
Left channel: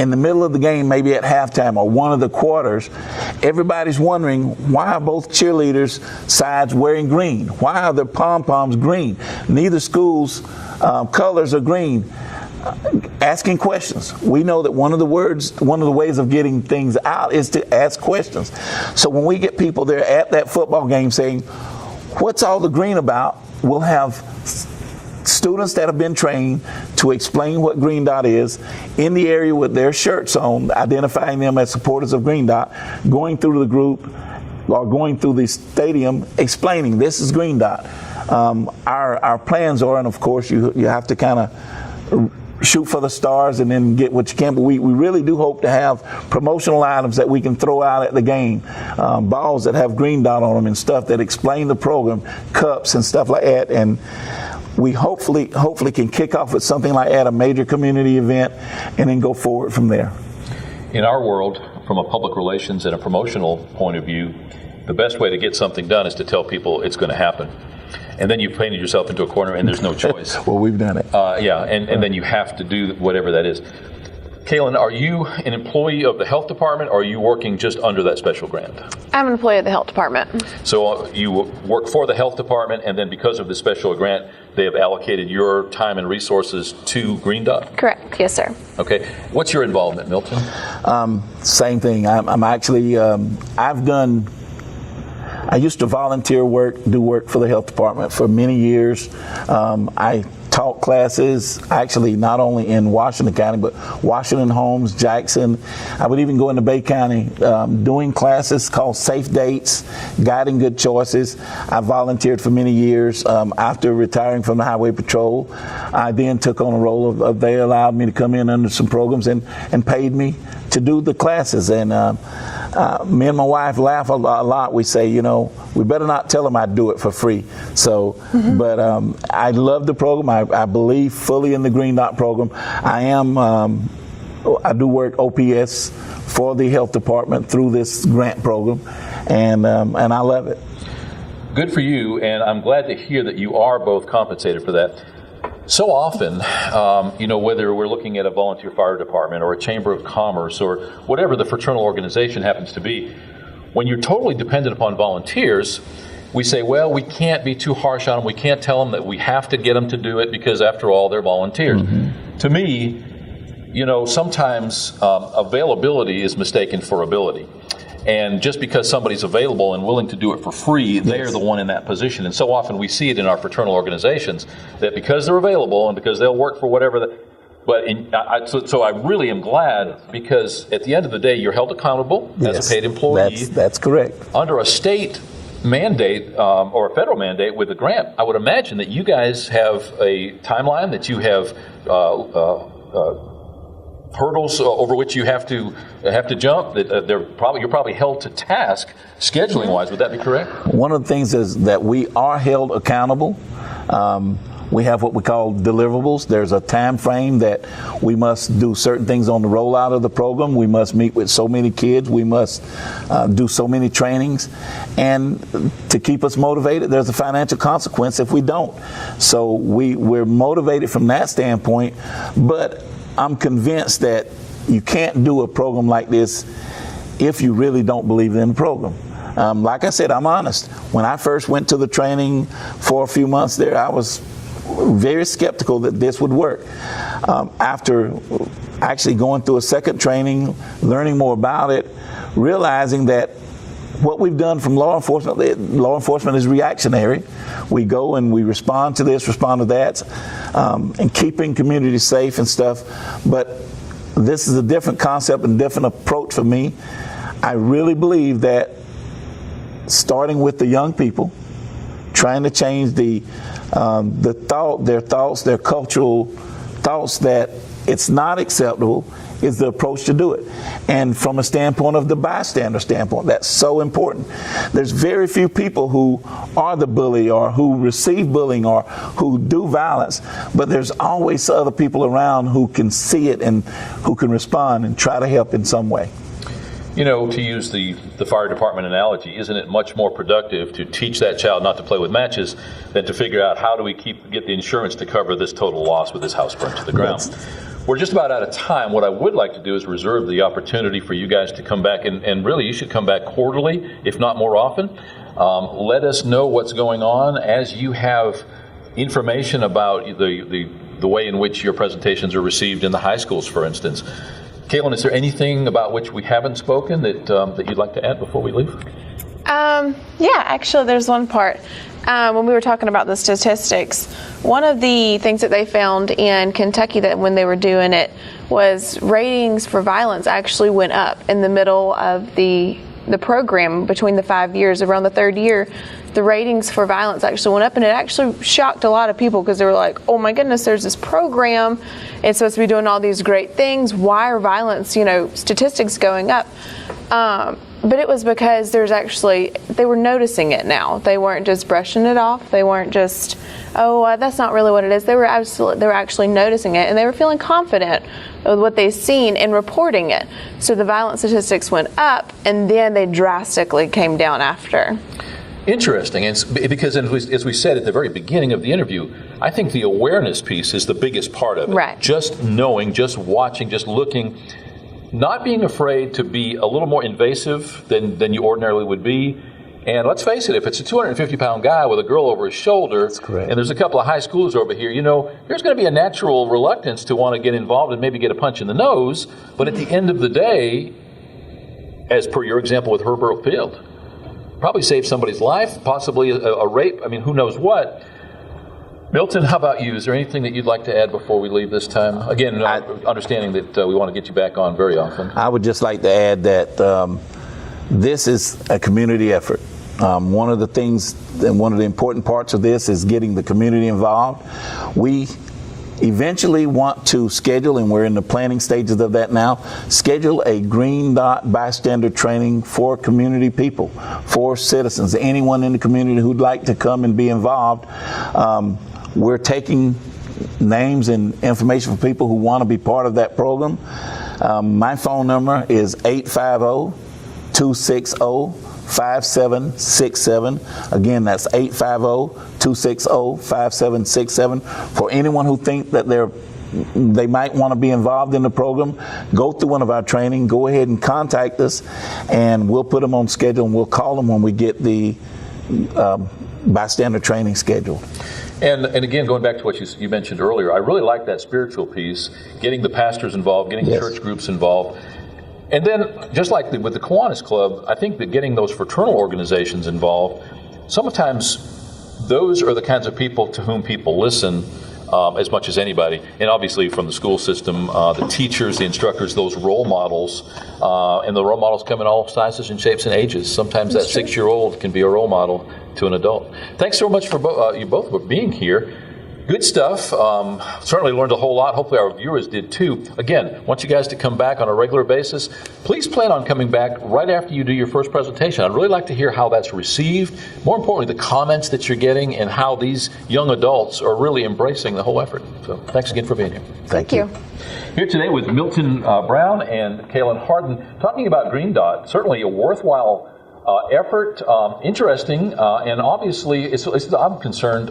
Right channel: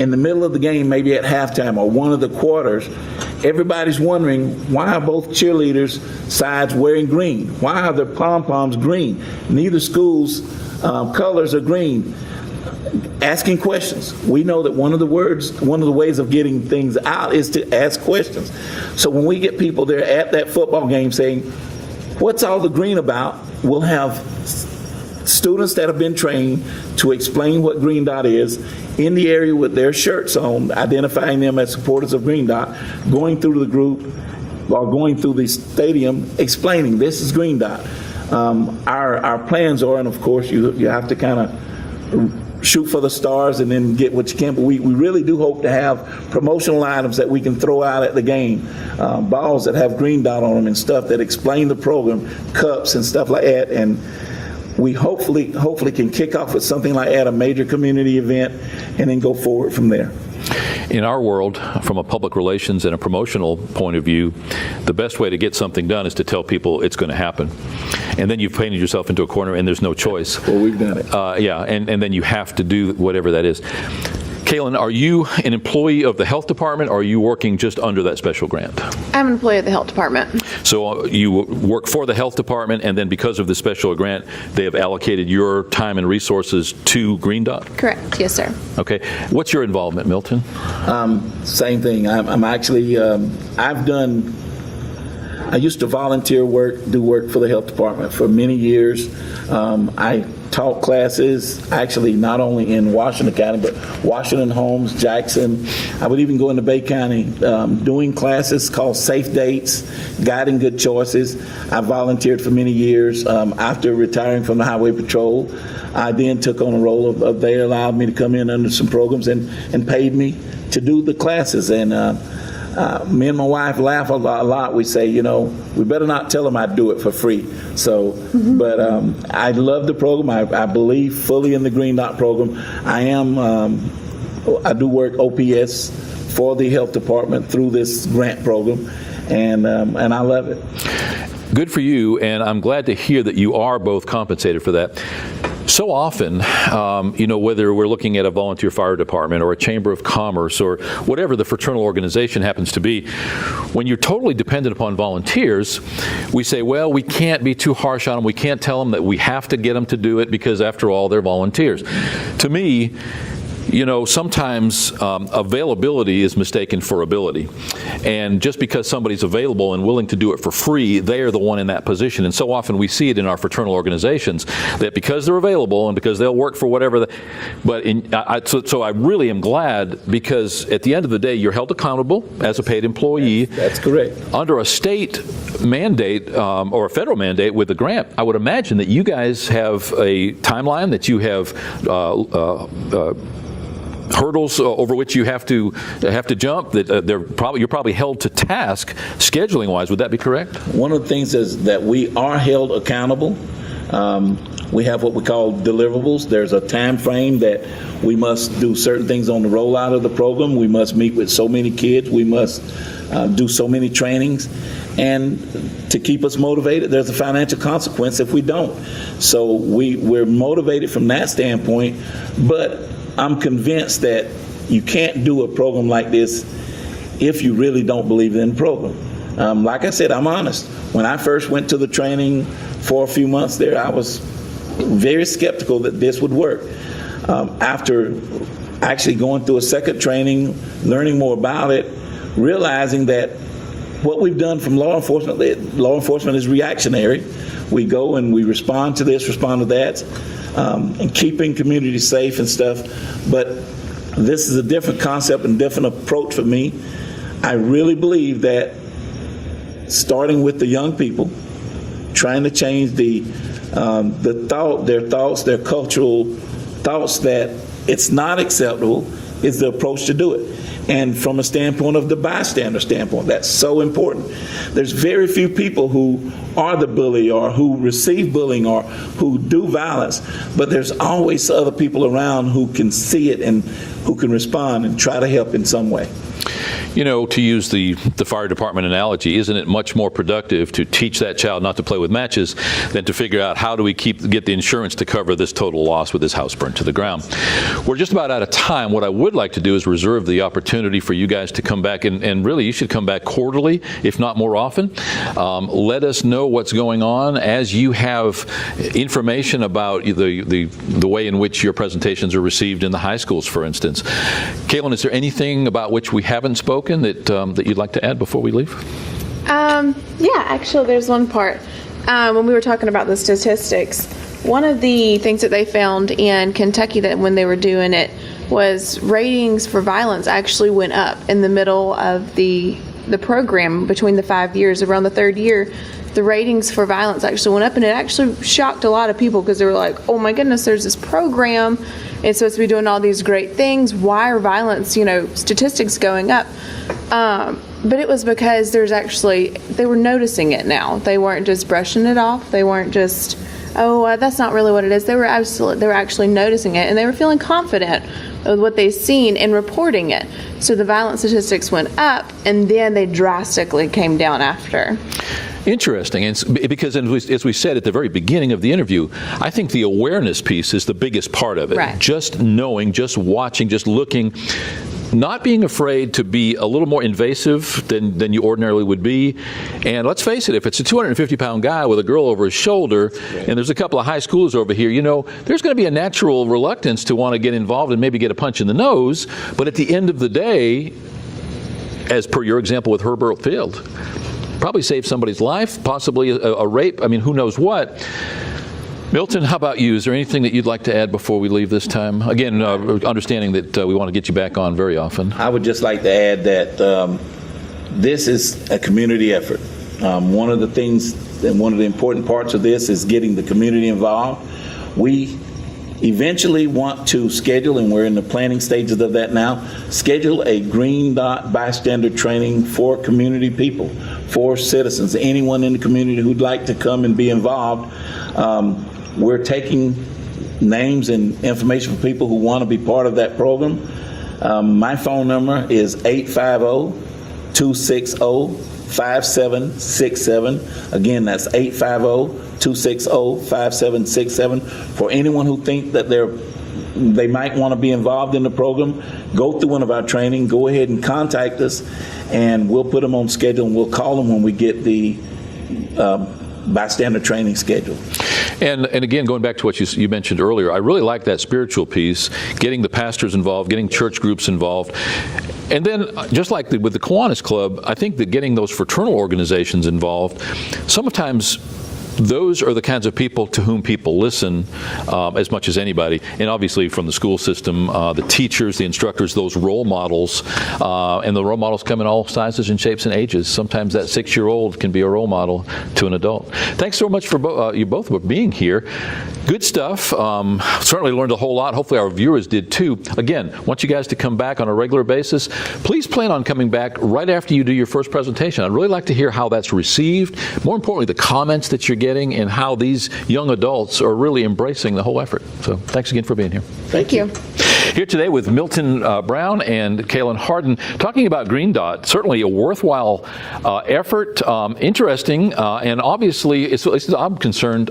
in the middle of the game, maybe at halftime or one of the quarters, everybody's wondering, why are both cheerleaders' sides wearing green? Why are their pom-poms green? Neither school's colors are green. Asking questions. We know that one of the ways of getting things out is to ask questions. So when we get people there at that football game saying, what's all the green about? We'll have students that have been trained to explain what Green Dot is in the area with their shirts on, identifying them as supporters of Green Dot, going through the group or going through the stadium explaining this is Green Dot. Our plans are, and of course you have to kind of shoot for the stars and then get what you can, but we really do hope to have promotional items that we can throw out at the game, balls that have Green Dot on them and stuff that explain the program, cups and stuff like that. And we hopefully can kick off with something like that, a major community event, and then go forward from there. In our world, from a public relations and a promotional point of view, the best way to get something done is to tell people it's going to happen. And then you've painted yourself into a corner and there's no choice. Well, we've done it. And then you have to do whatever that is. Kaylin, are you an employee of the health department, or are you working just under that special grant? I'm an employee of the health department. So you work for the health department, and then because of the special grant, they have allocated your time and resources to Green Dot? Correct. Yes, sir. Okay. What's your involvement, Milton? Same thing. I'm actually, I used to volunteer do work for the health department for many years. I taught classes, actually not only in Washington County, but Washington, Holmes, Jackson. I would even go into Bay County doing classes called Safe Dates, Guiding Good Choices. I volunteered for many years. After retiring from the Highway Patrol, I then took on a role of they allowed me to come in under some programs and paid me to do the classes. And me and my wife laugh a lot. We say, we better not tell them I'd do it for free. So, but I love the program. I believe fully in the Green Dot program. I do work OPS for the health department through this grant program, and I love it. Good for you, and I'm glad to hear that you are both compensated for that. So often, whether we're looking at a volunteer fire department or a chamber of commerce or whatever the fraternal organization happens to be, when you're totally dependent upon volunteers, we say, well, we can't be too harsh on them. We can't tell them that we have to get them to do it because, after all, they're volunteers. To me, sometimes availability is mistaken for ability. And just because somebody's available and willing to do it for free, they're the one in that position. And so often we see it in our fraternal organizations that because they're available and because they'll work for whatever. So I really am glad, because at the end of the day, you're held accountable as a paid employee. That's correct. Under a state mandate or a federal mandate with a grant, I would imagine that you guys have a timeline, that you have hurdles over which you have to jump, that you're probably held to task scheduling wise. Would that be correct? One of the things is that we are held accountable. We have what we call deliverables. There's a time frame that we must do certain things on the rollout of the program. We must meet with so many kids. We must do so many trainings. And to keep us motivated, there's a financial consequence if we don't. So we're motivated from that standpoint, but I'm convinced that you can't do a program like this if you really don't believe in the program. Like I said, I'm honest. When I first went to the training for a few months there, I was very skeptical that this would work. After actually going through a second training, learning more about it, realizing that what we've done from law enforcement is reactionary. We go and we respond to this, respond to that, and keeping communities safe and stuff. But this is a different concept and different approach for me. I really believe that starting with the young people, trying to change their thoughts, their cultural thoughts that it's not acceptable, is the approach to do it. And from a standpoint of the bystander standpoint, that's so important. There's very few people who are the bully or who receive bullying or who do violence, but there's always other people around who can see it and who can respond and try to help in some way. You know, to use the fire department analogy, isn't it much more productive to teach that child not to play with matches than to figure out how do we get the insurance to cover this total loss with this house burned to the ground? We're just about out of time. What I would like to do is reserve the opportunity for you guys to come back, and really you should come back quarterly, if not more often. Let us know what's going on as you have information about the way in which your presentations are received in the high schools, for instance. Kaylin, is there anything about which we haven't spoken that you'd like to add before we leave? Yeah, actually, there's one part. When we were talking about the statistics, one of the things that they found in Kentucky that when they were doing it was ratings for violence actually went up in the middle of the program between the 5 years. Around the third year, the ratings for violence actually went up, and it actually shocked a lot of people because they were like, oh my goodness, there's this program. It's supposed to be doing all these great things. Why are violence, statistics going up? But it was because they were noticing it now. They weren't just brushing it off. They weren't just, that's not really what it is. They were actually noticing it, and they were feeling confident with what they've seen and reporting it. So the violence statistics went up, and then they drastically came down after. Interesting, and because as we said at the very beginning of the interview, I think the awareness piece is the biggest part of it. Right. Just knowing, just watching, just looking, not being afraid to be a little more invasive than you ordinarily would be. And let's face it, if it's a 250-pound guy with a girl over his shoulder, and there's a couple of high schoolers over here, there's going to be a natural reluctance to want to get involved and maybe get a punch in the nose. But at the end of the day, as per your example with Herbert Field, probably save somebody's life, possibly a rape. I mean, who knows what. Milton, how about you? Is there anything that you'd like to add before we leave this time? Again, understanding that we want to get you back on very often. I would just like to add that this is a community effort. One of the things and one of the important parts of this is getting the community involved. We eventually want to schedule, and we're in the planning stages of that now, schedule a Green Dot bystander training for community people, for citizens, anyone in the community who'd like to come and be involved. We're taking names and information for people who want to be part of that program. My phone number is 850-260-5767. Again, that's 850-260-5767. For anyone who thinks that they might want to be involved in the program, go through one of our training, go ahead and contact us, and we'll put them on schedule, and we'll call them when we get the bystander training schedule. And again, going back to what you mentioned earlier, I really like that spiritual piece, getting the pastors involved, getting church groups involved. And then, just like with the Kiwanis Club, I think that getting those fraternal organizations involved, sometimes those are the kinds of people to whom people listen as much as anybody. And obviously from the school system, the teachers, the instructors, those role models, and the role models come in all sizes and shapes and ages. Sometimes that 6-year-old can be a role model to an adult. Thanks so much for you both for being here. Good stuff. Certainly learned a whole lot. Hopefully our viewers did too. Again, want you guys to come back on a regular basis. Please plan on coming back right after you do your first presentation. I'd really like to hear how that's received. More importantly, the comments that you're getting and how these young adults are really embracing the whole effort. So thanks again for being here. Thank you. Here today with Milton Brown and Kaylin Harden, talking about Green Dot. Certainly a worthwhile effort, interesting, and obviously, as I'm concerned,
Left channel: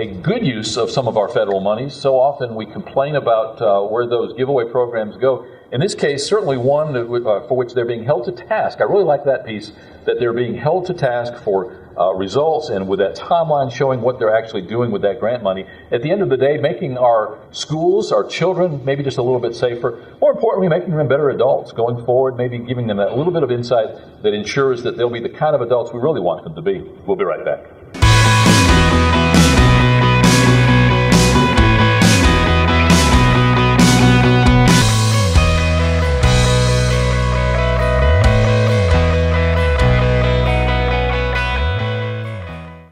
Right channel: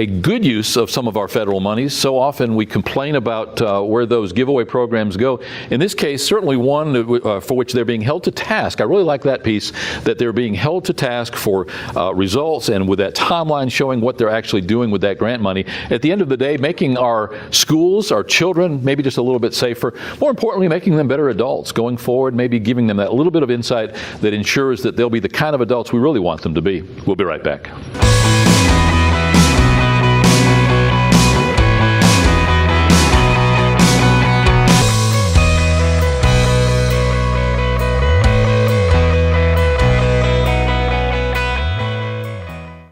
a good use of some of our federal monies. So often we complain about where those giveaway programs go. In this case, certainly one for which they're being held to task. I really like that piece, that they're being held to task for results, and with that timeline showing what they're actually doing with that grant money. At the end of the day, making our schools, our children, maybe just a little bit safer. More importantly, making them better adults going forward, maybe giving them that little bit of insight that ensures that they'll be the kind of adults we really want them to be. We'll be right back.